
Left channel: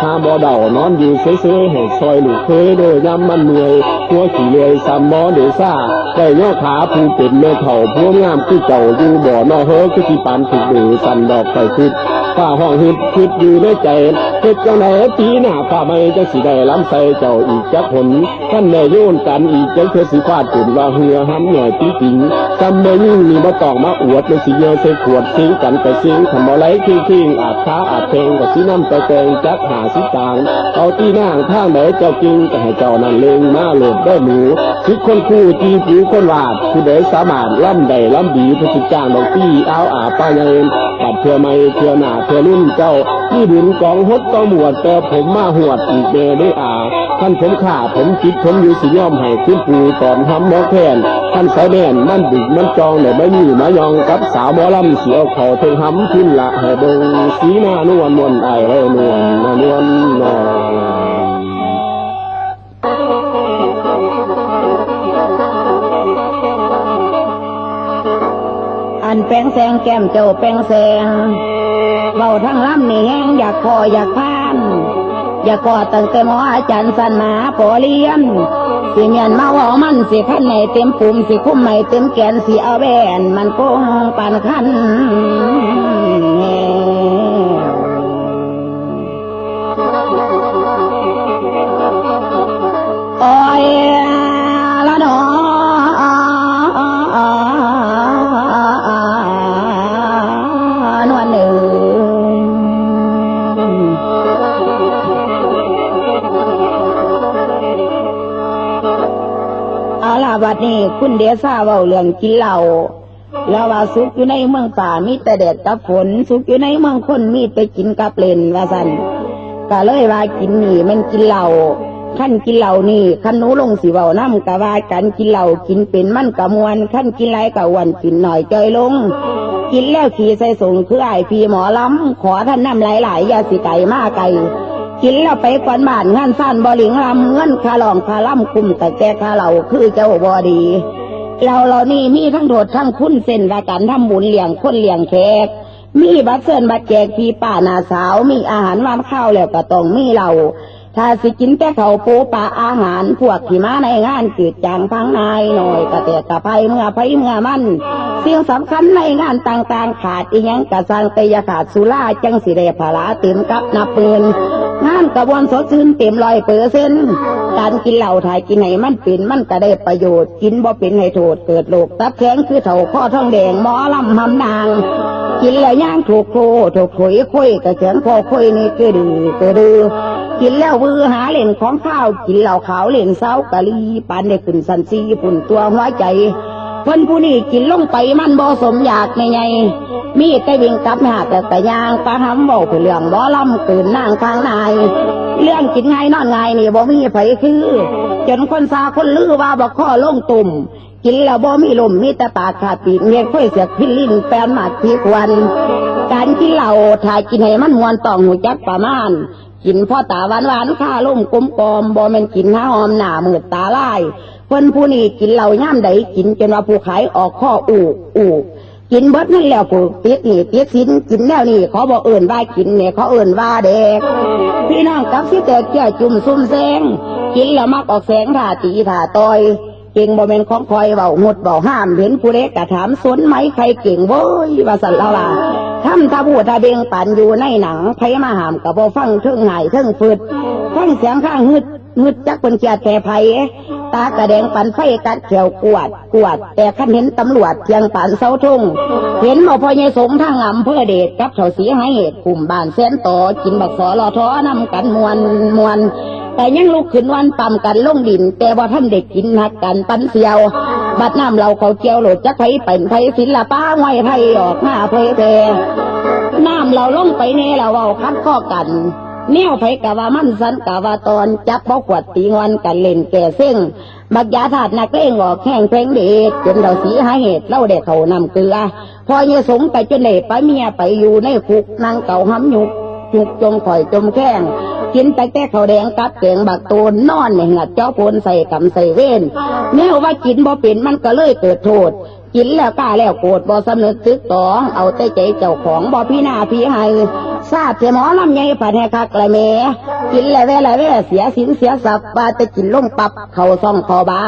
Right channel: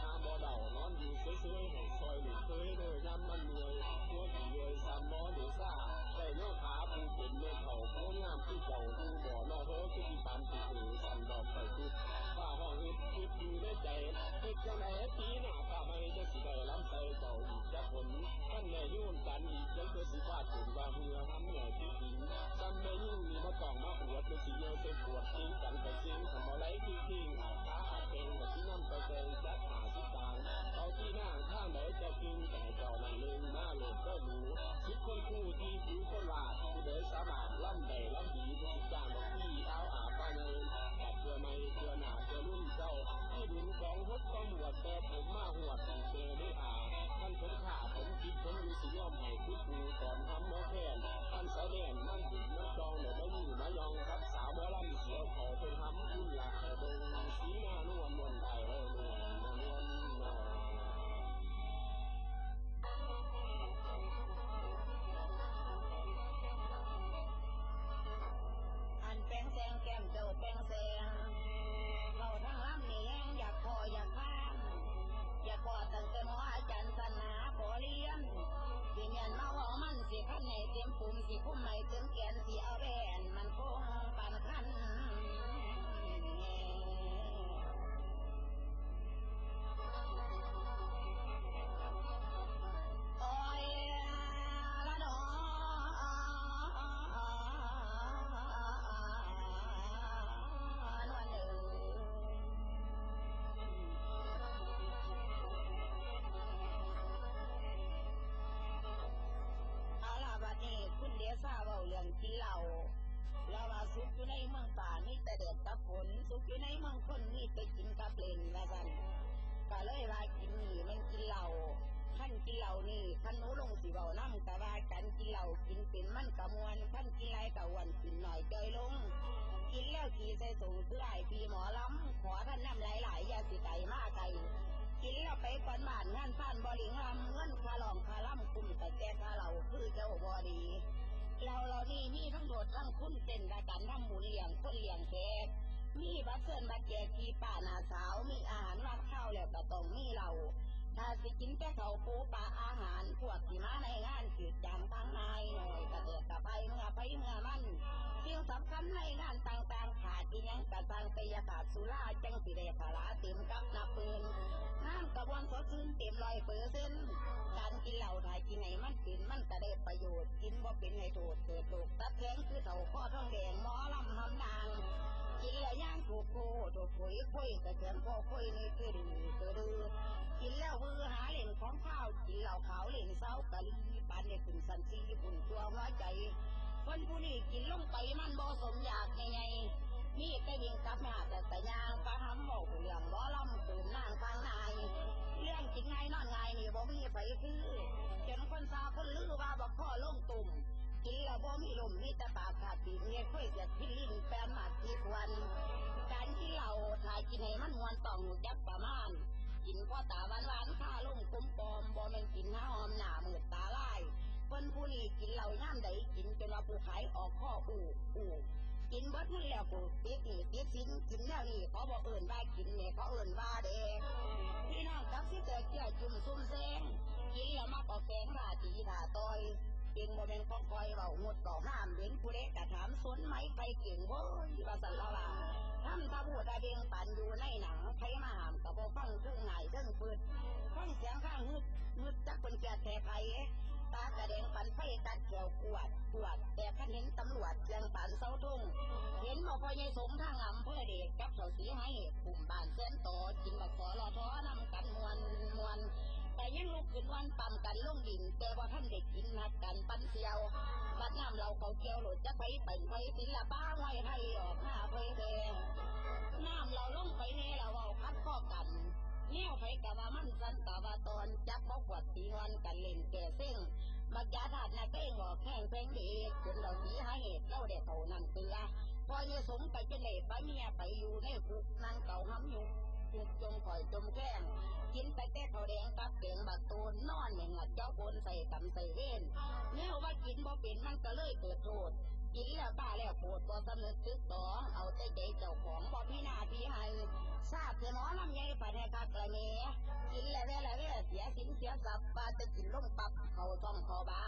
ถ้าบ่เดานอนอยู่เซ่ๆให้ซอยลูกเคยโดยย้ำมันเหนื่อยหัวขี้เลยซ้ำหมอเดซ่าได้ย่อขาผู้เป็นแม่เฒ่าผู้งามคือเจ้าอยู่บ่อนอเฮอคือที่ปานถึกดือสั่นดอกไฟคิดฝ้าห้องคิดอยู่ในใจเฮ็ดจังได๋ปีหน้าฟ้าไม่จังสิได้ล้ำใส่เจ้าอีกจักผลท่านแม่โยนกันอีกจังเธอสิฟาดจนว่าเหือห้ำหน่อยจริงจำแม่ยิ่งนี่บ่ต้องมาอวดเลยสิเยอะใส่ขวดสิงกันไปสิงทำบ่ไหลคิงอาบค้าอาบเพลงก็สินำไปแกงจักหาสิจางเอาตีนางทางไหนเจ้าจริงก็ให้เจ้านั่นเลงมาโลดได้หนูคิดคนคู่จีผิวคนวาดผู้ใดสามารถล่ำใดล่ำดีผู้สิจ้างดอกตี้เอาอาป้าเงินปัดเพื่อไม่เพื่อหน้าเพื่อรุ่นเจ้าที่บุญกองฮดต้องหมวดแต่ผมมาหวดอีกแม่ได้ท่านผมข่าผมคิดผมอยู่สิย่อมให้ขึ้นปูตอนทำหมอแค้นท่านสายแน่นมันดึกมันจองเลยไม่มีมายองกับสาวหมอลำเสียวเขาเทงหำขึ้นละให้เบิ่งสีหน้านวลมนไอเรนวลนวลนออันแป้งแสงแก้มเจ้าแป้งแสงเบาทั้งลำนี่แห้งอยากคออยากพานอยากกอดตั้งแต่หมออาจารย์สันมาพอเลี้ยนสิเมียนมาว่ามันสิขั้นในเต็มปุ่มสิคุ้มไม่เต็มแกนสิเอาแบนมันโกงปานขั้นโอ้ยละหนอบัดนี้คุณเดซ่าเว้าเรื่องกินเหล้าแล้วว่าสุขอยู่ในเมืองป่ามีแต่แดดกับฝนสุขอยู่ในเมืองคนมีแต่กินกับเล่นว่าซั่นก็เลยว่ากินนี่มันกินเหล้าขั้นกินเหล้านี่ขั้นหนูลงสิเว้านำก็ว่ากันกินเหล้ากินเป็นมันก็ม่วนขั้นกินหลายก็อ้วนกินน้อยจ้อยลง กินแล้วขี่ใส่ส่งคือไอพี่หมอล้ำขอท่านนำหลายๆยาสิไก่มาไก่กินแล้วไปก่อนบ้านงานสั้นบ่หลิงลำเงินคาหลองคาล่ำคุมแต่แกคาเหล่าคือเจ้าบ่ดีเรานี่มีทั้งโดดทั้งคุณเส้นราการทำบุญเลี้ยงคนเลี้ยงแขกมีบัตรเชิญบัตรแจกพี่ป้านาสาวมีอาหารวางข้าวแล้วก็ต้องมีเราถ้าสิกินแต่เขาปูปลาอาหารพวกที่มาในงานจืดจางพังนายหน่อยกระเตะกระไพเมื่อมันสิ่งสำคัญในงานต่างๆขาดอีหยังกระสังเตยขาดสุราจังสิเดภาระเต็มกับนับปืนงานกระบวนสดชื่นเต็ม100%การกินเหล้าถ่ายกินไหนมันเป็นมันก็ได้ประโยชน์กินบ่เป็นให้โทษเกิดโรคตับแข็งคือเถ่าข้อท้องแดงหมอลำหำนางกินแล้วย่างถูกโคถูกขุยคุยกระเสียงคอคุยนี่ก็ดื้อกินแล้ววือหาเล่นของข้าวกินเหล้าขาวเล่นเศร้ากะลีปานได้ขึ้นสันซีปุ่นตัวหัวใจเพิ่นผู้นี้กินลงไปมันบ่สมอยากไงมีแต่วิ่งกลับหาแต่ยางปะหำเว้าเพื่อเรื่องบ่ลำตื่นนางทางนายเรื่องกินง่ายนอนง่ายนี่บ่มีไผคือจนคนซาคนลือว่าบ่ข้อลงตุ่มกินแล้วบ่มีลมมีแต่ปากขาดปีกเงียบค่อยเสียกพิลิ้นแปนหมัดทีควันการกินเหล้าถ่ายกินให้มันมวนต้องหูจักประมาณกินพ่อตาหวานข้าล่มกลมกอมบ่แม่นกินหาหอมหน้ามืดตาลายเพิ่นผู้นี้กินเหล้าย่ามใดกินจนว่าผู้ขายออกข้ออูกินเบิดนั่นแล้วผู้ติดนี่ติดสินกินแล้วนี่เขาบอกเอิ่นว่ากินเนี่ยเขาเอิ่นว่าเด็กพี่น้องกับสิแตกเจ้าจุ่มซุ่มแซงกินแล้วมักออกแสงท่าตีท่าต่อยเก่งบ่แม่นของคอยเบาหมดเบาห้ามเห็นผู้เล็กกะถามสนไหมใครเก่งโว้ยว่าสันละว่าทำตาบูตาเบงปั่นอยู่ในหนังไผมาหามกับบ่ฟังเทิงหายเทิงฟืดฟังเสียงข้างฮึดจักเป็นเกียรติแก่ไผตากระแดงปั่นไฟกัดแขวกวดแต่คันเห็นตำรวจเพียงปั่นเสาทุ่งเห็นบ่พอใหญ่สงทางอำเภอเดชกับเฒ่าสีให้เหตุกลุ่มบ้านแสนต่อกินบักสอลอท้อนำกันมวนแต่ยังลุกขึ้นวันปั่มกันลงดินแต่ว่าท่านเด็กกินหักกันปั้นเสียวบัดน้ำเราเขาเจียวโหลดจักไผเป็นไผศิลปะไว้ไผออกหน้าเผยแพร่น้ำเราลงไปเนี่ยเราเอาคัดข้อกันแนวไผกะว่ามันสันกะว่าตอนจับบ่ขวดตีงอนกันเล่นแก่เส้งบักยาถาดนักเล่งออกแข่งเพลงเด็กจนเราสีหาเหตุเล่าเด็กเขานำเกลือพอเยสงไปจนเด็กไปเมียไปอยู่ในคุกนางเก่าห้ำยุกจมข่อยจมแข้งกินแต่ข้าวแดงกับแกงบักตูนนอนในหัดเจ้าโพนใส่กำใส่เว้นแนวว่ากินบ่เป็นมันก็เลยเกิดโทษกินแล้วกล้าแล้วโกรธบ่สำนึกตึกตองเอาแต่ใจเจ้าของบ่พี่หน้าพี่ให้ทราบแต่หมอลำใหญ่ผัดให้คักละแม่กินแล้วแว่เสียสินเสียศัพท์ว่าแต่กินลงปับเข้าซ่องคอบา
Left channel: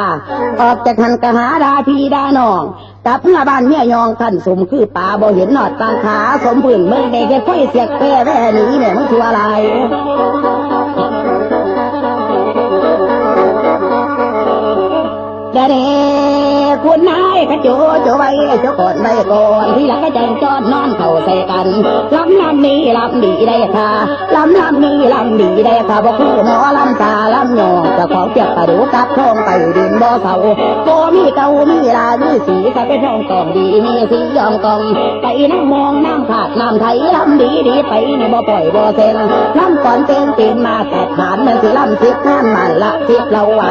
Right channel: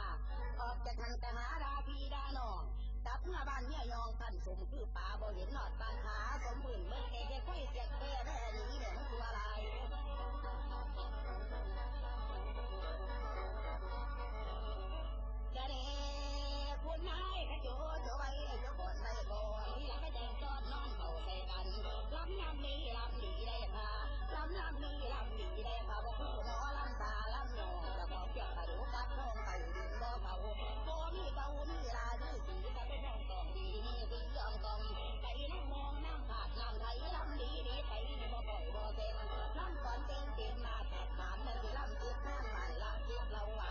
ออกจากหันกะหาดาพี่ดาน้องกับเมื่อบ้านเมียยองขันสมคือป่าบ่เห็นหนอดตางขาสมพื้นเมืองเด็กค่อยเสียกแปรแว่หนีแม่มึงชัวอะไรเด้คุณนายกระโจไว้เจ้าก่อนไว้ก่อนที่หลังก็จังจอดนอนเข่าใส่กันลำนี้ลำดีได้ค่ะลำนี้ลำดีได้ค่ะบ่คือหมอลำตาลำหยองเจ้าของเปียกกระดูกกับทองไปดินบ่เสาโกมีเก่ามีลามีสีถ้าเป็นทองกองดีมีสียอมกองไปน้ำมองน้ำขาดน้ำไทยลำดีไปนี่บ่ปล่อยบ่เซ็งลำก่อนเป็นมาแต่ฐานมันสิลำสิบงานมันละสิบเราไหว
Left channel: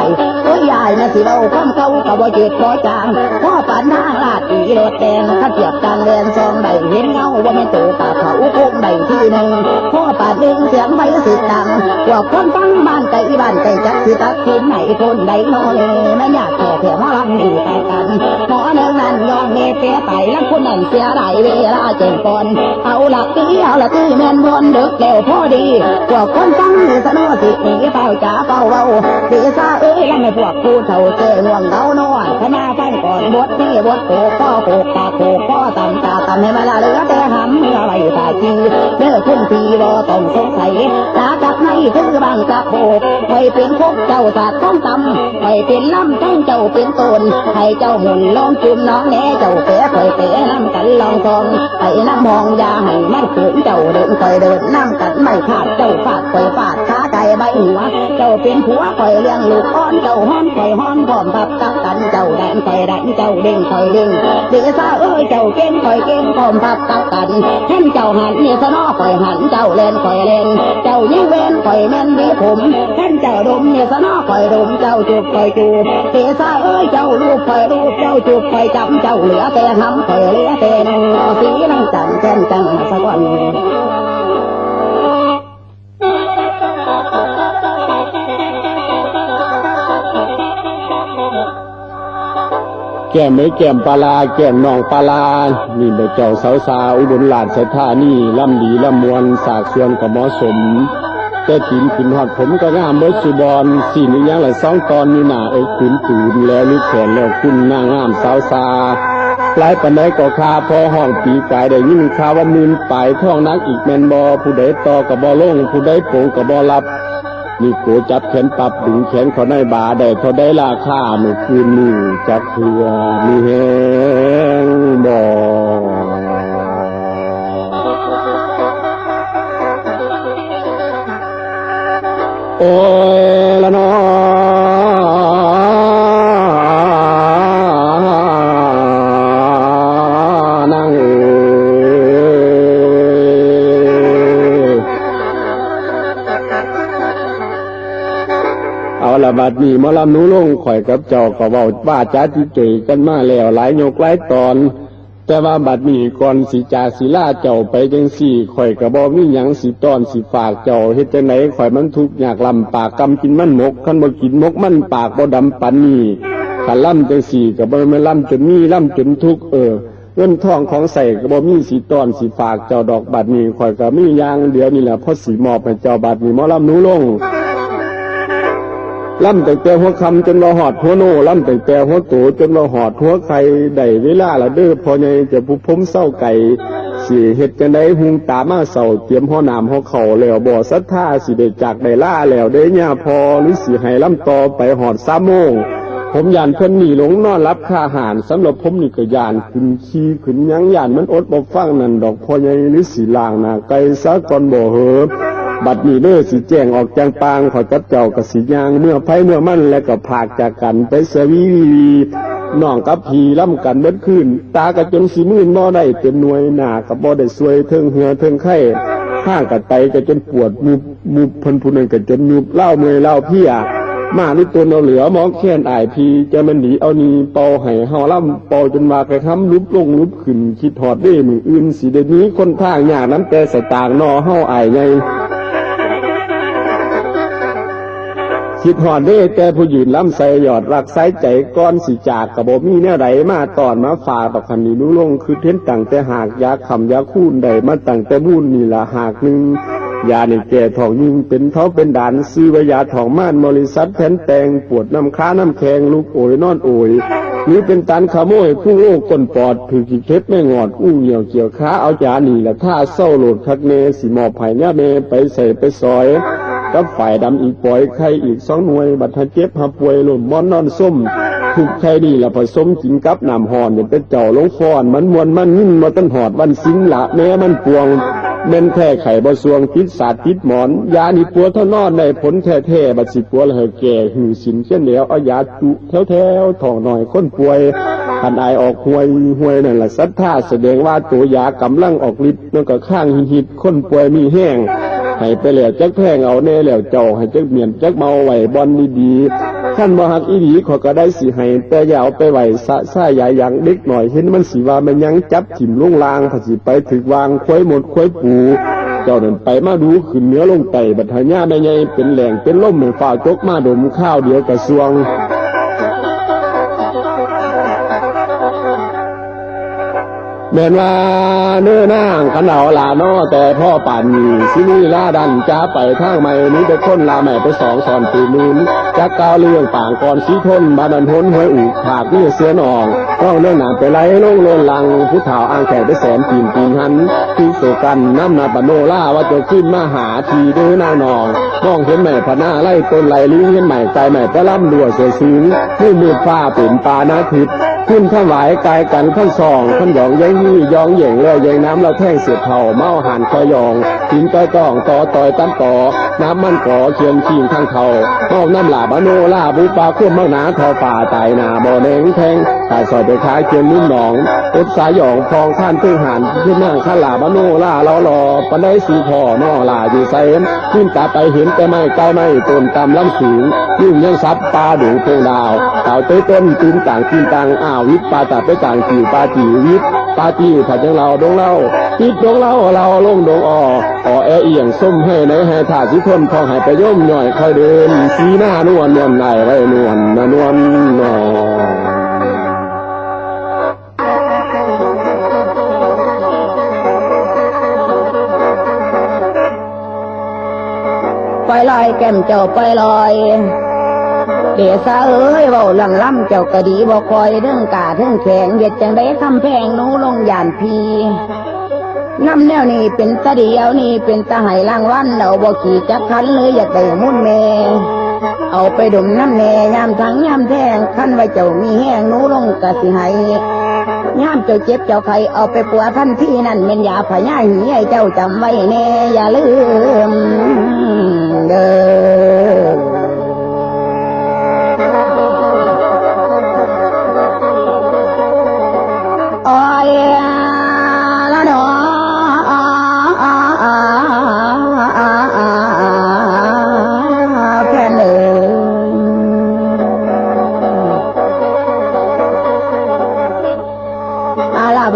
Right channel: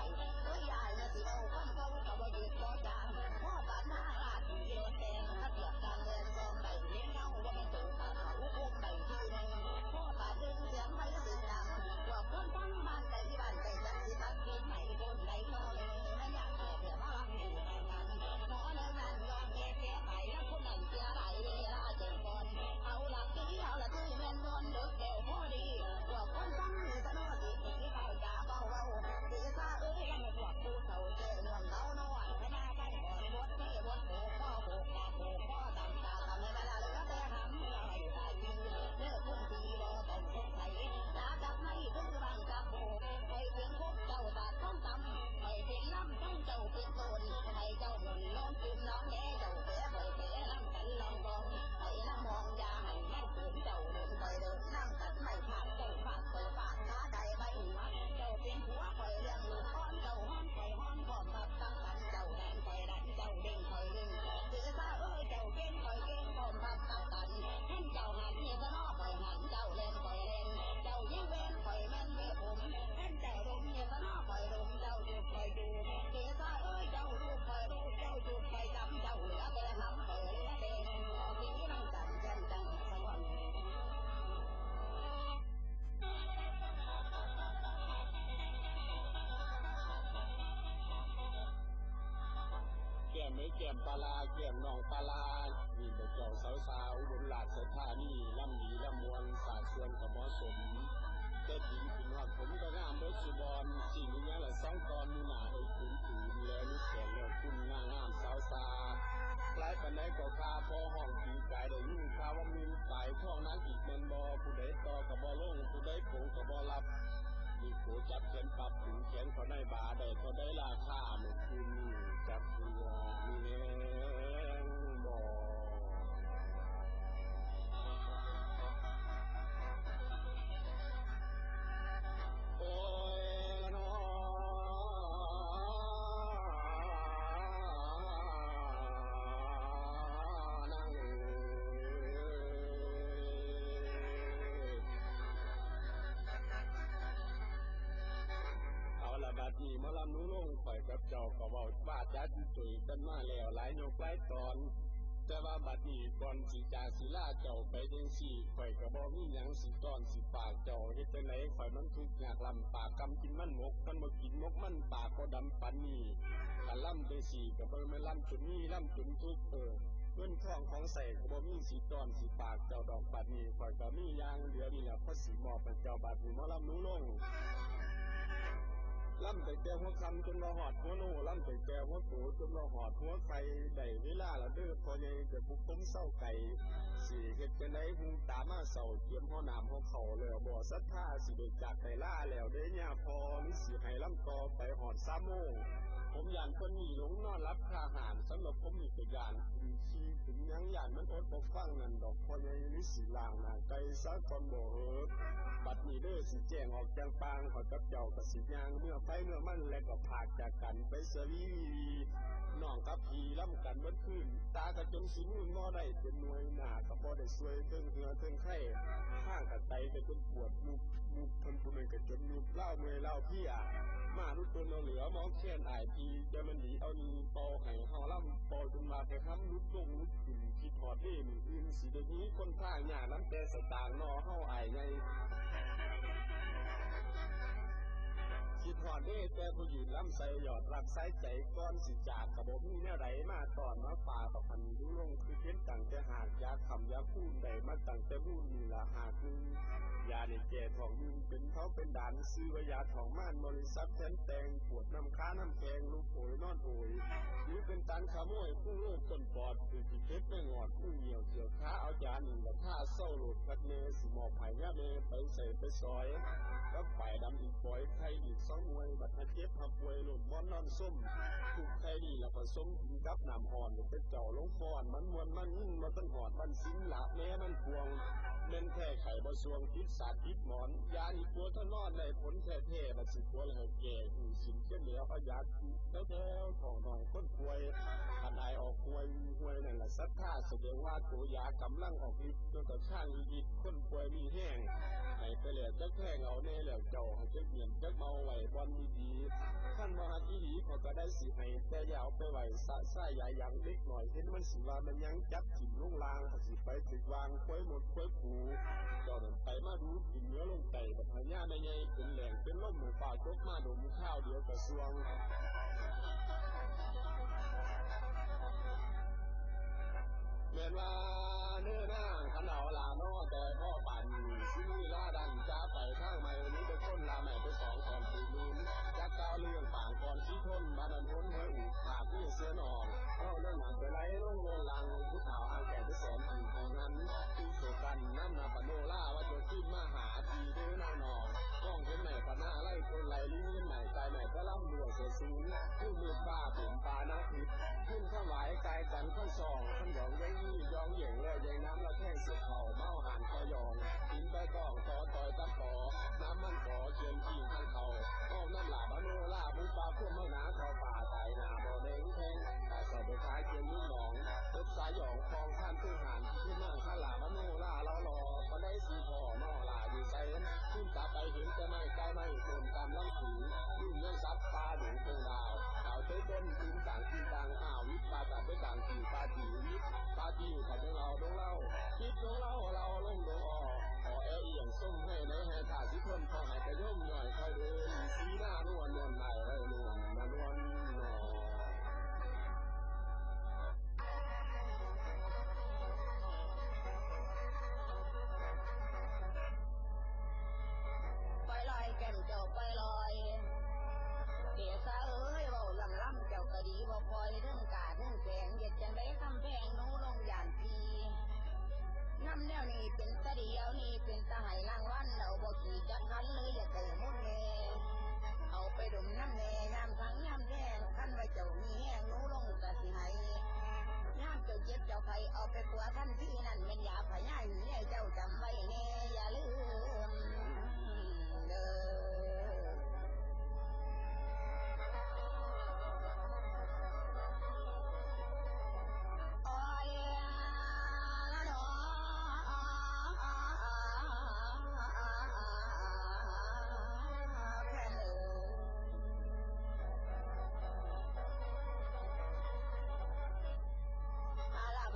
โอ้ยยายนะสิเราความเก่ากับบ่เจ็ดบ่จางพ่อปันทางลาดตีรถแดงขัดเทียบกันแดนซองใบเห็นเงาว่าไม่โตปากเขาโค้งใบที่หนึ่งพ่อปัดดึงเสียงใบสิดังว่าคนฟังบ้านไก่จักสิตัดสินไหนคนใดน้อยไม่อยากแก่หมอลำดีแต่กันหมอเนืองนั้นยองเงเสียไปแล้วคนนั้นเสียไหลเวลาเจ็บปอนเอาหลักตีแม่นบนเด็กแล้วพอดีพวกคนฟังสนอสิหนีเฝ้าจ่าเฝ้าเบาดีซาแล้วไม่พวกผู้เฒ่าเจ้ง่วงเงานอนขณะฟังก่อนบทนี่บทโขกพ่อโขกตาโขกพ่อตำให้มาละเหลือแต่หำเมื่อไรตาจีเด้อคุณพี่บ่ต้องสงสัยตากับในคือบางกับโขกไปเป็นพกเจ้าศาสตร์ต้องตำไปเป็นลำทั้งเจ้าเป็นตนให้เจ้าหมุนลองจุ่มน้องแน่เจ้าเป๋คอยเป๋น้ำกันลองทองไปน้ำมองยาให้มันขืนเจ้าเดินคอยเดินน้ำกันไม่ขาดเจ้าฟาดคอยฟาดขาไก่ใบหัวเจ้าเป็นผัวคอยเลี้ยงลูกอ้อนเจ้าห้อนคอยห้อนพร้อมพับตักกันเจ้าแดนคอยแดนเจ้าเด้งคอยเด้งเดี๋ยวซาเจ้าเก่งคอยเก่งพร้อมพับตักกันแท่นเจ้าหันเนี่ยสนอคอยหันเจ้าเล่นคอยเล่นเจ้ายิ่งเว้นคอยแม่นดีผมแท่นเจ้าดมเนี่ยสนอคอยดมเจ้าจูบคอยจูบเดี๋ยวซาเจ้าลูกคอยลูกเจ้าจูบคอยจำเจ้าเหลือแต่หำคอยเหลือแต่น สีน้องจันแก้มจังสะก่อนแก้มไม่แก้มปลาแก้มน้องปลานี่เบเจ้าสาวสาวอุบลราชธานีล่ำดีล่ำมวลสากส่วนกับเหมาะสมแต่กินขึ้นหอดผมก็งามเบิดสุบอนสี่นี่ยังละ2 ตอนนี่หนาขืนตื่นแล้วนึกแขนแล้วคุณนางงามสาวสาหลายปันไดก็คาพอห้องปีกายได้ยิ่งข่าวว่ามืนปลายท่องนักอีกแมนบอผู้ใดต่อกับบอลงผู้ใดโป่งกับบอรับนี่โกจับแขนปรับดึงแขนเขาในบาได้เท่าได้ราคาเมื่อคืนนี้จักเถื่อมีแหงบ่โอ้ยละน้อนั่งเอาละบัดนี้หมอลำหนูลงข่อยกับเจ้าก็เว้าว่าจ้าจิเกกันมาแล้วหลายยกหลายตอนแต่ว่าบัดนี้ก่อนสิจากศิลาเจ้าไปจังสี่ข่อยก็บ่มีหยังสิต้อนสิฝากเจ้าเฮ็ดจังได๋ข่อยมันทุกข์ยากลำปากกำกินมันหมกคันบ่กินหมกมันปากบ่ดำปานนี้คันล่ำจังสี่ก็บ่แม่นล่ำจนมีล่ำจนทุกข์เงินทองของใส่ก็บ่มีสิต้อนสิฝากเจ้าดอกบัดนี้ข่อยก็มีอย่างเดียวนี่แหละพอสิมอบให้เจ้าบัดนี้หมอลำหนูลงล่ำแต่แต่หัวคำจนว่าหอดหัวโน่ล่ำแต่แต่หัวโตจนว่าหอดหัวไข่ได้เวลาละเด้อพอใหญ่จะผู้พมเศร้าไก่สิเฮ็ดจังได๋หุงตามาเศร้าเตรียมหัวน้ำหัวเข่าแล้วบ่ศรัทธาสิได้จากได้ล่าแล้วเด้ย่าพอหรือสิให้ล่ำต่อไปหอด3 โมงผมย่านเพิ่นนี่หลงนอนรับค่าอาหารสำหรับผมนี่ก็ย่านขึ้นขี้ขึ้นหยังย่านมันอดบ่ฟังนั่นดอกพอใหญ่หรือสิล้างหน้าไก่ซะก่อนบ่เหอะบัดนี้เด้อสิแจ้งออกจางปางขอยกับเจ้ากับสิยางเมื่อไผเมื่อมันแล้วก็พากจากกันไปเสวีน้องกับพี่ล่ำกันเบิดคืนตากะจนสิมื่นบ่ได้เต็มหน่วยหน้ากับบ่ได้สวยเทิงเหือเทิงไข้ข้างกัดไตก็จนปวดมุบเพิ่นผู้นึงก็จนยุบเล่าเมื่อยเล่าเพียมานี่ตัวเราเหลือมองแค้นอายพี่จะมันหนีเอานี่เป่าให้เฮาล่ำเป่าจนมาไปค้ำลุบลงลุบขึ้นคิดฮอดเด้มื้ออื่นสิได้นี้คนทางยากน้ำแต่สตางค์นอเฮาอายใหญ่คิดหอดเด้แต่ผู้ยืนล้ำใส่หยอดรักใส่ใจก้อนสิจากกระบอกมีแนวใดมาตอนมาฝากต่อคันนี้นุ่งลงคือเท้นตั้งแต่หากยาคำยาคูนใดมาตั้งแต่บุญนี่ละหากหนึ่งยาในแก่ทองยิงเป็นเท้าเป็นด่านซื้อวิยาทองม่านบริษัทแผ่นแตงปวดน้ำค้าน้ำแข็งลูกโอยนอนโอยนี่เป็นตันขโมยผู้โลกก้นปอดถือขีดเคล็ดไม่งอดอู้เหี่ยวเกี่ยวค้าเอายานี่ละท่าเศร้าโหลดคักเนสีหมอบไผ่เนี่ยเมไปใส่ไปซอยกับฝ่ายดำอีกปล่อยไข่อีก2 หน่วยบัดทะเจ็บหาป่วยหล่นมอนนอนส้มถูกไข่นี่ละผสมกินกับน้ำหอนเนี่ยเป็นเจ้าลงฟอนมันมวนมันนิ่มมาต้นหอดวันสิงละแม้มันปวงเม่นแท้ไข่บ่สวงติดสาดติดหมอนยานี่ปัวเท่านอนในผลแท้ๆบัดสิปัวละเหอแก่หือสินเช่นแล้วเอายาจุแถวๆท้องหน่อยคนป่วยคันอายออกห่วยนั่นละศรัทธาแสดงว่าตัวยากำลังออกฤทธิ์นั่นก็ข้างหิดคนป่วยมีแห้งให้ไปแล้วจักแพงเอาแน่แล้วเจ้าให้จักเมียนจักเมาไว้บอนดีๆขั้นบ่ฮักอีหลีขอก็ได้สิให้แต่อย่าเอาไปไว้สะซ่าใหญ่อย่างเด็กหน่อยเห็นมันสิว่ามันยังจับถิ่มลงลางถ้าสิไปถึกวางควยหมดควยปูเจ้านั่นไปมาดูขึ้นเหนือลงไตบัดหญาแม่ใหญ่เป็นแหล่งเป็นล่มเหมือนฝ่าจกมาดมข้าวเดียวกระทรวงแม่นว่าเนื้อนางขันเอาลาน้อแต่พ่อป่านมีสินีลาดันจ้าไปทางใหม่นี้ไปค้นลาใหม่ไป2 สอนปีนูนจักก้าวเรื่องป่างก่อนสีทนบาดันทนห้วยอุผากนี่เสียนองต้องเรื่องหนาไปไล่ลงโลนลังผู้เฒ่าอ่างแขกไปแสนปีนหันที่โศกันน้ำนาปโนล่าว่าจะขึ้นมาหาทีเด้อนางนองมองเห็นใหม่พนาไล่ต้นไหลลิ้นเห็นใหม่ใจใหม่ไปล่ำดัวเสียซึ้งผู้มืดฟ้าเป็นปานาทิพย์ขึ้นข้าไหวกายกันขั้นซองขั้นหยองยัยยี่ยองเหย่งแล้วยังน้ำเราแท่งเสียบเท่าเมาหันคอยองหินต้อยต้องต่อต่อยตั้นต่อน้ำมันก่อเชียงชิงข้างเท่าเมาน้ำหลาบโนล่าบุปาคุ้มเมาหนาทอป่าตายนาบ่อแดงแทงตายซอยไปขายเชียงนุ่นหนองอุดสายหยองพองข้านตึ้งหันขึ้นนั่งข้าหลาบโนล่าเราหล่อปนได้สีพ่อนอล่าอยู่ไซนขึ้นตาไปเห็นแต่ไม่ใกล้ไม่ต้นตำล้ำสูงยิ่งยังซับปลาดูโพงดาวเต่าเต้ต้นตีนต่างอ้าววิทปลาตัดไปต่างจีปลาจีวิท ปาจี้ถ้าจังเราดงเล่าติดดงเล่าเราลงดงอ่อแอเอียงส้มให้ในให้ถาสิทนพอให้ไปย่มหน่อยคอยเดินสีหน้านวลนวลไหนไรนวลนวลนอไปลอยแก้มเจ้าไปลอยเดี๋ยวซาเอ้ยเบาหลังล่ำเจ้ากะดีบ่คอยเรื่องกาเรื่องแข็งเย็ดจังได้คำแพงนู้ลงยานพีน้ำแนวนี่เป็นตะเดียวนี่เป็นตะไห้ล่างวันเอาบ่ขี่จักคันเลยอยากได้มุ่นแม่เอาไปดมน้ำแน่ยามทั้งยามแทงคันไว้เจ้ามีแห้งนู้ลงกะสิให้ยามเจ้าเจ็บเจ้าไข้เอาไปปัวท่านที่นั่นเป็นยาพญาหีให้เจ้าจำไว้แน่อย่าลืมเด้อ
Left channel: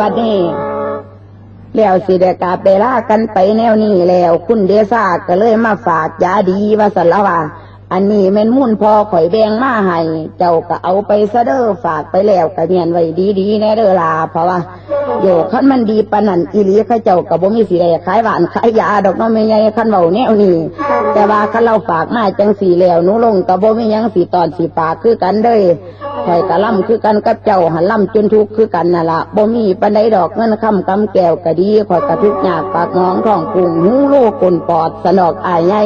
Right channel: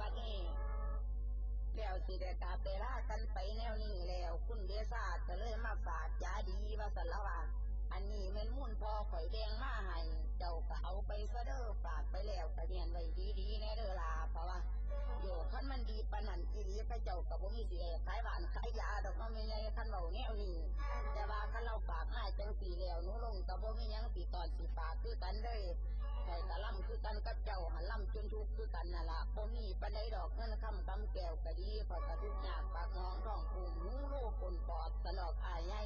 บัดนี้แล้วสิได้กาไปลากันไปแนวนี้แล้วคุณเดซ่าก็เลยมาฝากยาดีว่าสันละว่าอันนี้แม่นมุ่นพอข่อยแบ่งมาให้เจ้าก็เอาไปซะเด้อฝากไปแล้วก็เนียนไว้ดีๆแน่เด้อล่ะเพราะว่าโยคันมันดีปานนั้นอีหลีเขาเจ้าก็บ่มีสิได้ขายหวานขายยาดอกน้องแม่ใหญ่คันเว้าแนวนี้แต่ว่าคันเราฝากมาจังสี่แล้วหนูลงก็บ่มีหยังสิตอนสิฝากคือกันเด้อข่อยกะล่ำคือกันกับเจ้าหันล่ำจนทุกข์คือกันน่ะล่ะบ่มีปานใดดอกเงินคำกำแก้วก็ดีข่อยกะทุกข์ยากปากหมองท้องพุงหูโลกลปอดสนอกอายใหญ่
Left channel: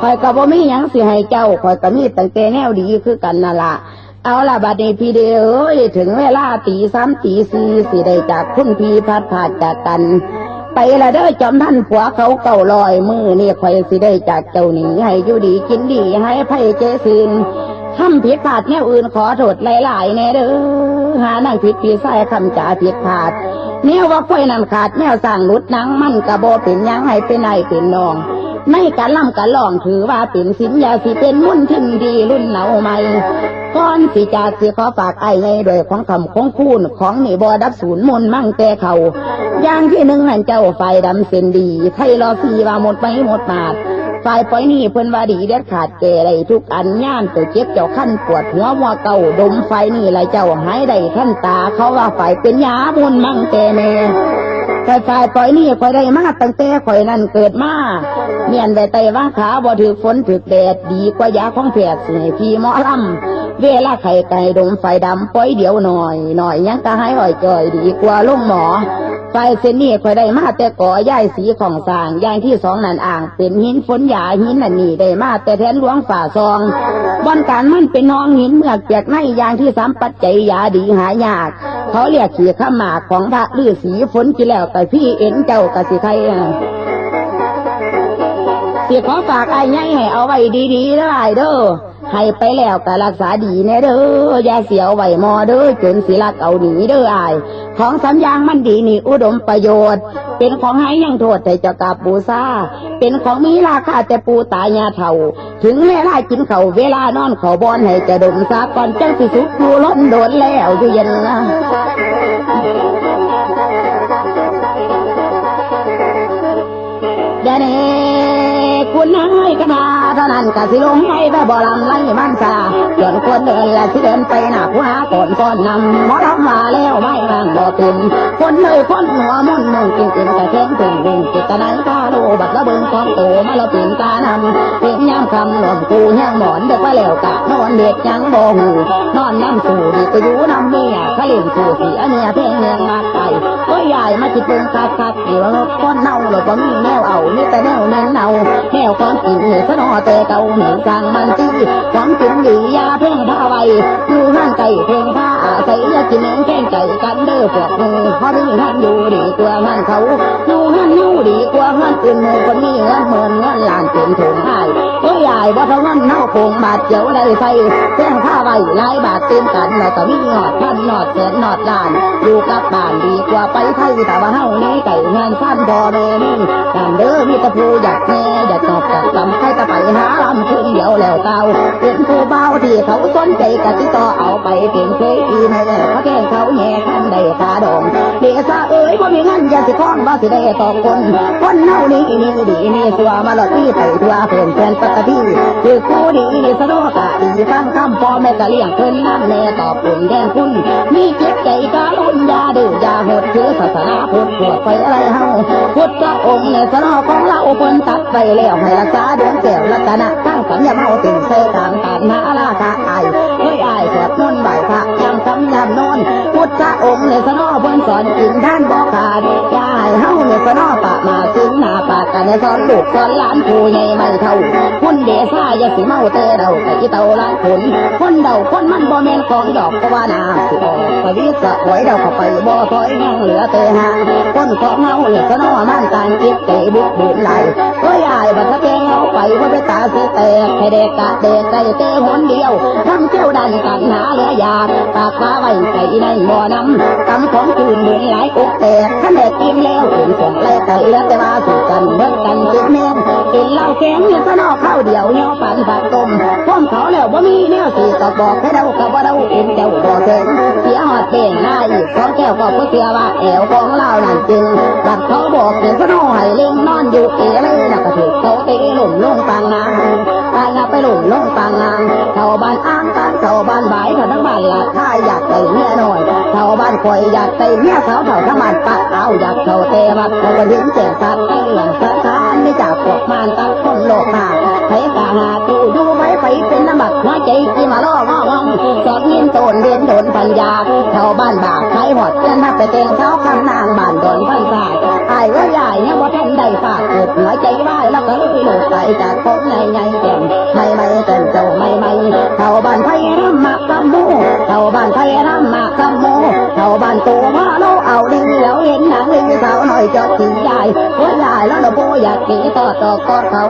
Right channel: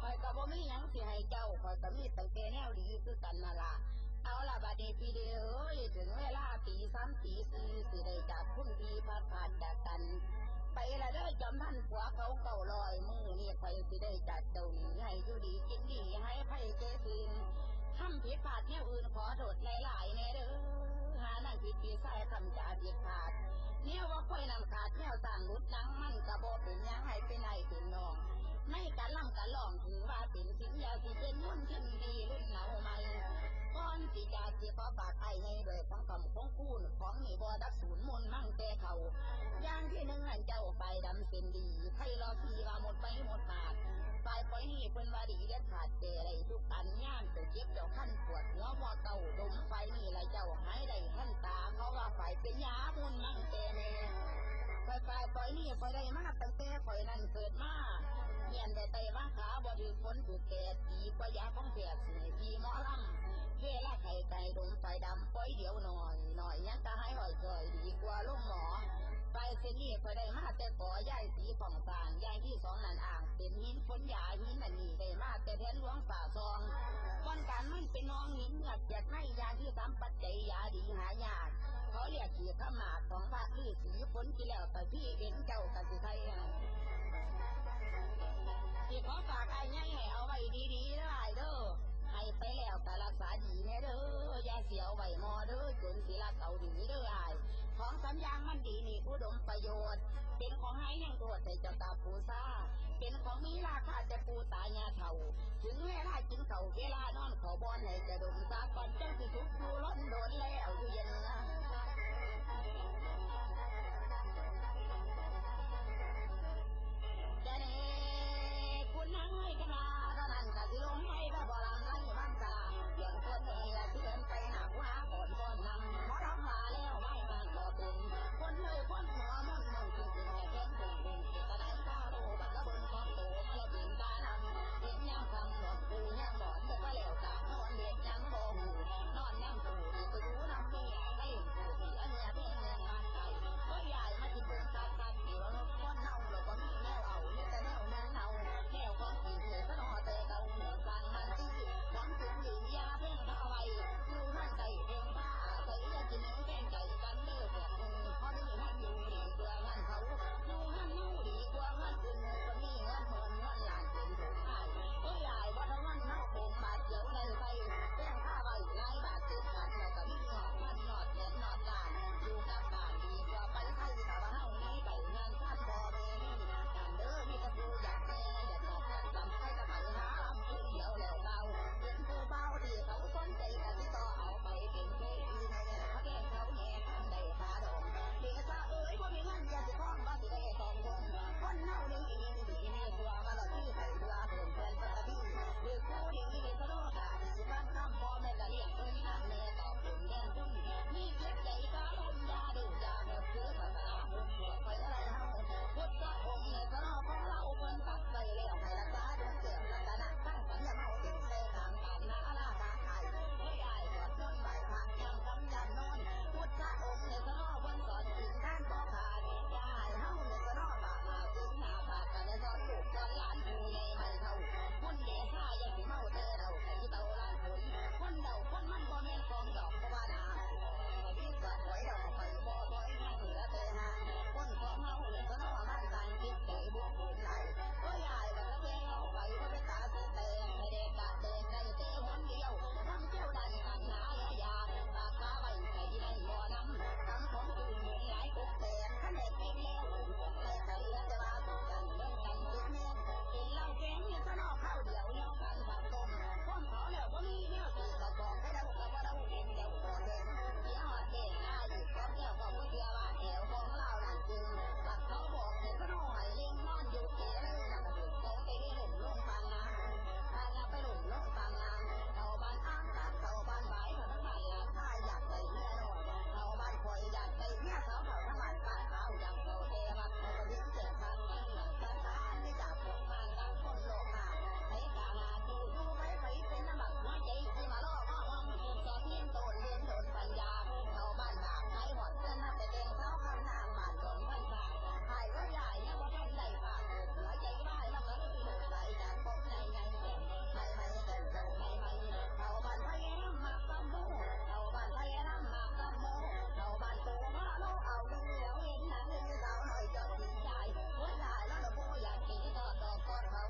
ข่อยกะบ่มีหยังสิให้เจ้าข่อยกะมีตั้งแต่แนวดีคือกันน่ะล่ะเอาล่ะบัดนี้พี่เด้อเอ้ยถึงเวลาตี3ตี4สิได้จากคุณพี่พัดพาจากกันไปละเด้อจอมท่านผัวเขาเก่าลอยมือนี่ข่อยสิได้จากเจ้าหนีให้อยู่ดีกินดีให้ไผ่เจซินทำผิดพลาดแนวอื่นขอโทษหลายๆแน่เด้อหานั่งผิดพี่ใส่คำจ่าผิดพลาดแนวว่าค่อยนั่นขาดแนวสร้างหลุดนังมันกะโบเป็นยังให้เป็นนายเป็นนองในการล่ำการลองถือว่าเป็นสินยาสิเป็นมุ่นทิมดีรุ่นเหนาใหม่ก่อนสิจากสิขอฝากไอ้ไงโดยของคำของคูณของนี่บอดับศูนย์มุนมั่งแต่เขาอย่างที่หนึ่งหันเจ้าไฟดำเส้นดีไทยรอสีว่าหมดไปหมดมาดฝ่ายปล่อยนี่เพิ่นว่าดีเด็ดขาดแก่ไรทุกอันย่านเจ้าเจ็บเจ้าขั้นปวดหัวมัวเก่าดมไฟนี่ไรเจ้าหายได้ขั้นตาเขาว่าฝ่ายเป็นยามุนมั่งแต่แม่ฝ่ายปล่อยนี่ข่อยได้มาตั้งแต่ข่อยนั่นเกิดมาเมียนได้ไตว่าขาบ่ถือฝนถือแดดดีกว่ายาของแพทย์สิพี่หมอลำเวลาไข่ไก่ดมไฟดำปล่อยเดียวหน่อยยังก็หายอ่อยจ่อยดีกว่าลงหมอไฟเส้นนี้ข่อยได้มาแต่ก่อย่ายสีของสร้างย่างที่สองนั่นอ่างเป็นหินฝนหยาหินนั่นนี่ได้มาแต่แทนหลวงฝ่าซองบอนการมันเป็นน้องหินเมือกจากในย่างที่สามปัจจัยยาดีหายากเขาเรียกขี่ข้าหมากของพระฤาษีฝนกี่แล้วแต่พี่เอ็นเจ้ากะสิไทยสิขอฝากไอ้ไงให้เอาไว้ดีๆได้เด้อให้ไปแล้วก็รักษาดีแน่เด้ออย่าเสียวไว้มอเด้อจนสิลักเอาหนีเด้ออ้ายของสัญญางมันดีนี่อุดมประโยชน์เป็นของให้ยังโทษแต่เจ้ากราบบูชาเป็นของมีราคาแต่ปูตายาเท่าถึงเวลากินเขาเวลานอนเขาบอนให้จะดมซาก่อนจังสิสุกอยู่ล้นโดนแล้วอยู่เย็นนะเดี๋ยวนี้คุณนายกนาเท่านั้นกะสิลงให้แบบบ่ลำไล่มันซาจนคนเดินและสิเดินไปหน้าผู้หาก่อนก้อนนำหมอลำมาแล้วไม่ร่างบ่ตุนคนเลยคนหัวมุ่นมุ่งจริงๆกะแข็งถึงดึงจิตตะนั้นกาโลบัดละเบิ่งของโตมาละเป็นกานำเป็นย่ำคำหล่นกูแห้งหมอนเด็กว่าแล้วกะนอนเด็กยังบ่หูนอนน้ำสู่ดีก็อยู่น้ำเมียขลิ่นสู่สีอันเนียเพ่งเนียงมากไปก็ใหญ่มาจิตเป็นคักๆอยู่แล้วก้อนเน่าหรือว่ามีแนวเอามีแต่แนวเน้นเน่าแนวความจริงสนอแต่เก่าเหนือกลางมันจี้ความจริงดียาเพ่งผ้าไว้อยู่ห้างไก่เพ่งผ้าอาศัยยากินเนื้อแข้งไก่กันเด้อพวกมือเพราะนี่ท่านอยู่ดีกว่าท่านเขาอยู่ท่านอยู่ดีกว่าท่านอื่นมือคนนี้เงินเมินเงินล้านเป็นถุงให้ก็ใหญ่บ่เท่าเงินเน่าคงบาดเจียวได้ใส่แข้งผ้าไว้หลายบาทเต็มกันแล้วก็มีหนอดพันหนอดแสนหนอดล้านอยู่กับบ้านดีกว่าไปไทยแต่ว่าเฮานี้ไก่เงินสั้นพอแม่นี่การเด้อมีตะพูอยากแน่อยากตอบกับลำใครจะไปหาลำคืนเดียวแล้วเก่าเป็นผู้เบาที่เขาสนใจกะติต่อเอาไปเป็นเคยอีในเขาแก่เขาแง่ขันได้ตาดองเลี้ ซาเอ๋ยบ่มีเงินอย่าสิคล้องบ่สิได้ต่อคนคนเฮานี่มีดีมีสัวมาหลอดที่ไปทั่วเพิ่นแฟนปกติคือคู่ดีสะดวกะดีฟังคำพ่อแม่กะเลี้ยงเพิ่นน้ำแน่ตอบปุ่นแทนคุณมีเจ็บใจกะลุ่นยาดื้อยาหดถือศาสนาพุทธปวดไปอะไรเฮาพุทธองค์ในสนอของเราเพิ่นตัดไปแล้วให้รักษาดวงแก้วรัตนะตั้งสัญญาเมาติ่งเสกางตานหาราคาอายเฮ้ยอายสวดมนต์ไหว้พระยามคำยามนอนพุทธองค์ในสนอเพิ่นสอนกินท่านบ่ขาดยาให้เฮาในสนอปะมาสิ้นหน้าปากกันในสอนลูกสอนหลานผู้ใหญ่ไม่เท่าคุณเดซ่าอย่าสิเมาเตเราไอ้เต่าละคนเดาคนมันบ่แม่นของดอกก็ว่านาสิออกสวิสะหวยเดาเข้าไปบ่ถอยยังเหลือแต่หางคนของเฮาเนี่ยสนอมันการเก็บเตะบุกบุญไหลเฮ้ยอายบัดตะแกงเอาไปว่าไปตาสิแตกให้เด็กกะเด็กใจเตะหนเดียวทำเจ้าดันกันหาเหลือยาปากฟ้าไว้ใจในบ่อน้ำกำของคืนเหมือนหลายอกแตกขันเด็กกินแล้วถึงส่งแลกกันเหลือแต่ว่าสู่กันเบิดกันติดแม่นกินเหล้าแข็งเนี่ยสนอข้าวเดียวเนาะปั่นผักต้มพร้อมเขาแล้วบ่มีแนวสิก็บอกให้เดากับว่าเดาเป็นเจ้าบ่เก่งเสียหอดเก่งหน้าอีกของแก้วก็เชื่อว่าแอวของเรานั่นจริงบัดเขาบอกเสียสนอให้เล่งนอนอยู่เอเลยน่ะก็ถูกเขาเตะหล่มลงปางนางปางไปหล่มลงปางนางเข้าบ้านอ้างกันเข้าบ้านบ่ายเขาทั้งบ้านละถ้าอยากได้เมียน้อยเข้าบ้านคอยอยากได้เมียสาวเท่าทั้งบ้านปะเอาอยากเข้าเตะบัดเขาก็ยิ้มแจ่มสัตว์ให้หลังสะท้านไม่จากพวกมารตั้งคนโลกมาให้กาหาตู้อยู่ไว้ไปเป็นน้ำบักหัวใจที่มาล่อง้องสอดยินโตนเรียนโดนปัญญาเข้าบ้านบากใช้หอดเพื่อนถ้าไปเตงเท้าคำนางบ้านโดนพันสายไอ้ว่าใหญ่เนี่ยว่าท่านได้ฝากเกิดหัวใจไหวแล้วก็เลยหลุดไปจากผมในแก่นไม่เต็มเจ้าไม่เข้าบ้านไทยรำมากำมูเข้าบ้านไทยรำมากำมูเข้าบ้านตัวว่าเราเอาดีแล้วเห็นหนังเลยสาวหน่อยจอดขี่ใหญ่ว่าใหญ่แล้วเราโบอยากขี่ต่อกอดเขา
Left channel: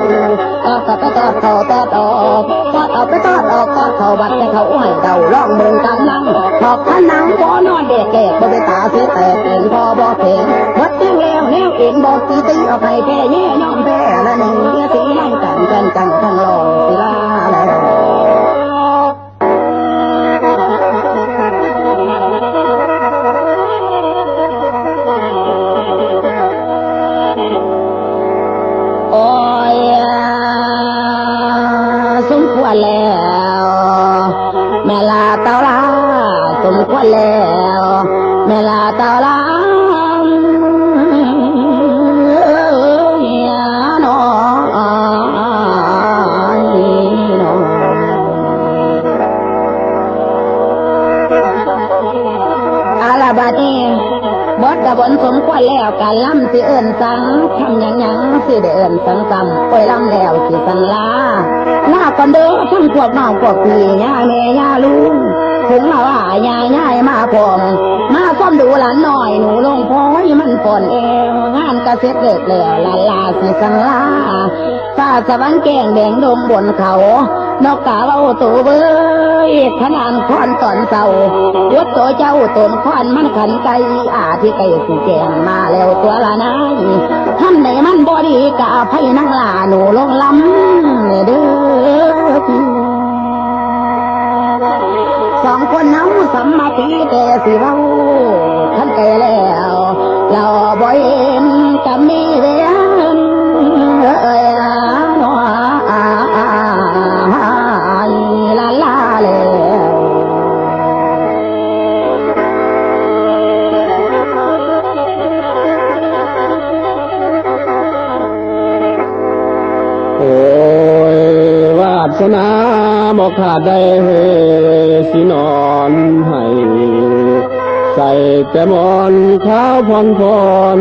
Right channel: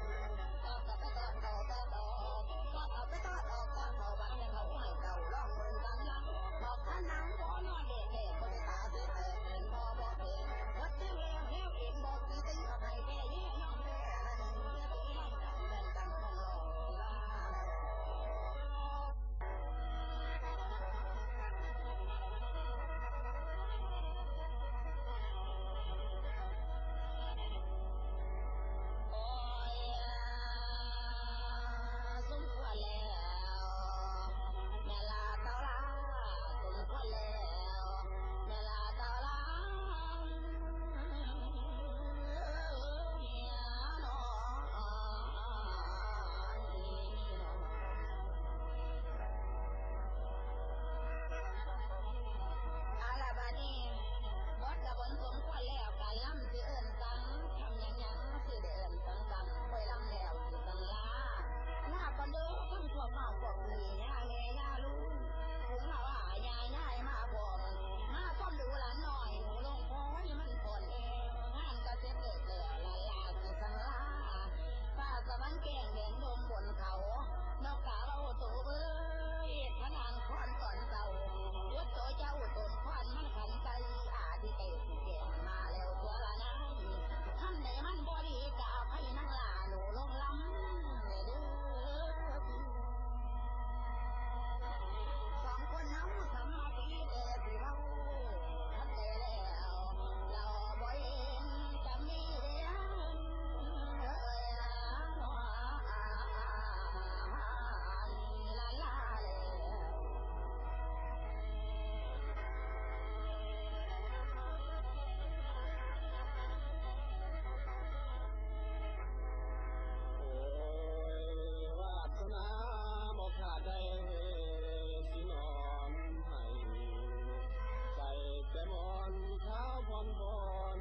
ก็ไปตอดเขาตอดออกกอดเอาไปตอดออกกอดเขาบัดแต่เขาให้เดาล่องเมืองกันนั่งถอกขันนังบ่นอนเด็กแก่บ่ไปตาสิแตกเองพอบ่เพ่งวัดเตียงแล้วแนวเองบอกตีเอาไปแพ้แย่ยอมแพ้ละหนึ่งเมียสีนั่งกันจังทั้งรองศิลาแล้วสมควรแล้วแม่ลาเต่าลาสมควรแล้วแม่ลาเต่าลาบัดนี้บดกระบนสมควรแล้วการล้ำสิเอิญสังทำยังสิได้เอิญสังซ้ำโอ้ยล้ำแล้วสิสังลาก่อนเด้อทั้งพวกน้องพวกพี่ย่าแม่ย่าลุงถึงมาว่าย่ายมาพร้อมมาซ่อมดูหลานหน่อยหนูลงพ้อยมันฝนเอวงานกระเซ็ดเลิกแล้วลาสิสังลาฟ้าสวรรค์แกงแดงดงบนเขานกกาเราตัวเบยขนานคอนตอนเศร้าวัดตัวเจ้าตนคอนมันขันไกที่ไก่สีแกงมาแล้วตัวละนายทำในมันบอดีกะไพ่นั่งลาหนูลงล้ำเด้อสองคนน้ำสัมมาตีแต่สิเราท่านแก่แล้วเราบ่เห็นจะมีเรียนสนาบอกขาดได้สินอนให้ใส่แต่มอนข้าวพร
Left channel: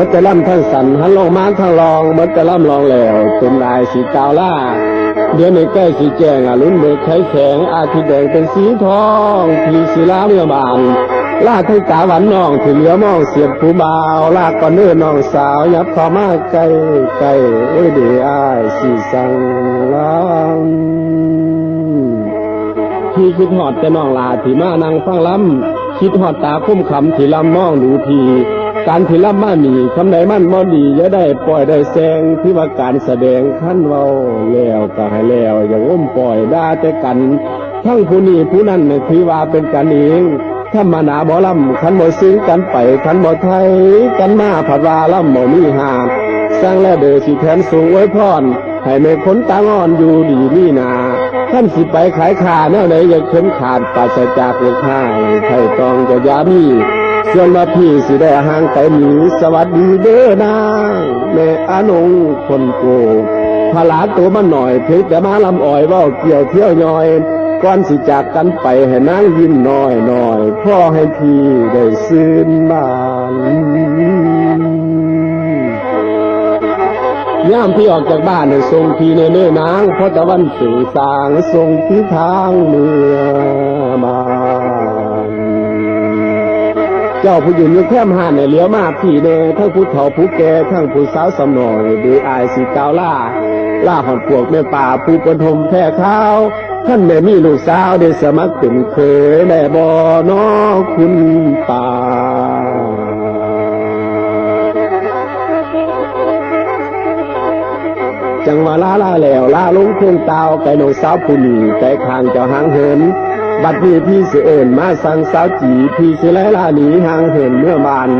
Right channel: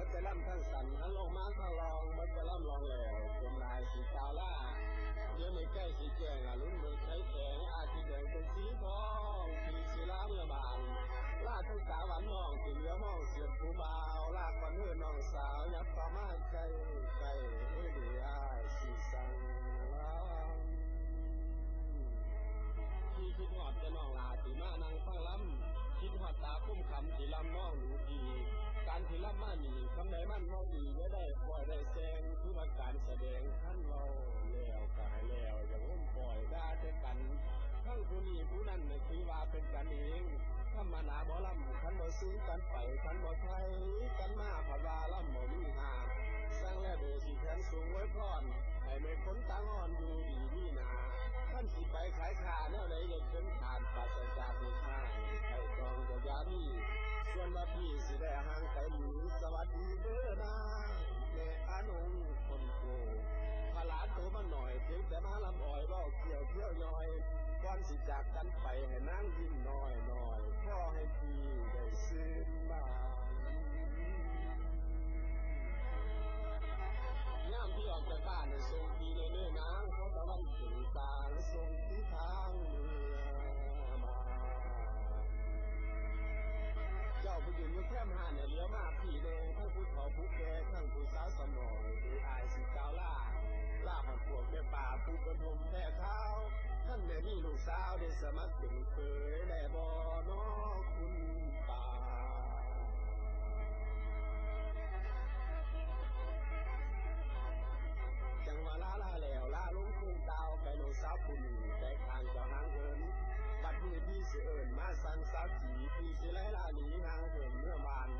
มันจะล่ำทั้งสันหันลงมาทั้งลองมันจะล่ำลองแล้วจนลายสีกาวล่าเดี๋ยวในใกล้สีแจงลุ้นเบิกไข่แข็งอาทิตย์แดงเป็นสีทองพีศิลาเรือบานลาทั้งตาหวานน้องถึงเหลือมองเสียบผู้บ่าวลากก่อนเนื้อน้องสาวยับเข้ามาใกล้โอ้ยดีอ้ายสีสังลำพี่คิดหอดแต่น้องลาที่มานั่งฟังลำ คิดฮอดตาคุ้มคำที่ลำมองดูทีการที่ลำมาหนีคำใดมันบ่ดีอย่าได้ปล่อยได้แซงที่ว่าการแสดงขั้นเว้าแล้วก็ให้แล้วอย่างอ้มปล่อยด่าแต่กันทั้งผู้นี้ผู้นั้นถือว่าเป็นกันเองถ้ามาหนาบ่ลำขันบ่ซึ้งกันไปขันบ่ไทยกันมาผัดว่าลำบ่มีหาสร้างแล้วเด้อสิแทนสูงไว้พรให้แม่คนตางอนอยู่ดีมีนาท่านสิไปขายขาแนวไหนอย่าเข็นขาดปราศจากเลือดห้ายไถ่ตองจะยามีส่วนมาพี่สิได้ห่างไกลหนีสวัสดีเด้อนางแม่อานงคนโกพลาตัวมันหน่อยเพชรแต่มาลำอ่อยว่าเกี่ยวเที่ยวย่อยก่อนสิจากกันไปให้นางยิ้มน้อยน้อยพ่อให้พี่ได้ซื่นบานย่ามพี่ออกจากบ้านให้ทรงพี่เนื้อนางเพราะตะวันสื่อสางทรงที่ทางเมืองบ้านเจ้าผู้ยืนอยู่แคมห้านในเหลียวมาพี่เนทั้งผู้เฒ่าผู้แก่ทั้งผู้สาวสำนอยดูอายสีกาวล่าหอดพวกแม่ป่าผู้ปฐมแท้ข้าวท่านแม่มีลูกสาวได้สมัครเป็นเคยแม่บ่น้อคุณป่าจังว่าลาแล้วลาลงเพียงเตาไก่นองสาวผู้นี้ไก่ข้างเจ้าหางเหินบัดนี้พี่สิเอิญมาสั่งสาวจีพี่สิไล่ลาหนีหางเหินเมื่อบาน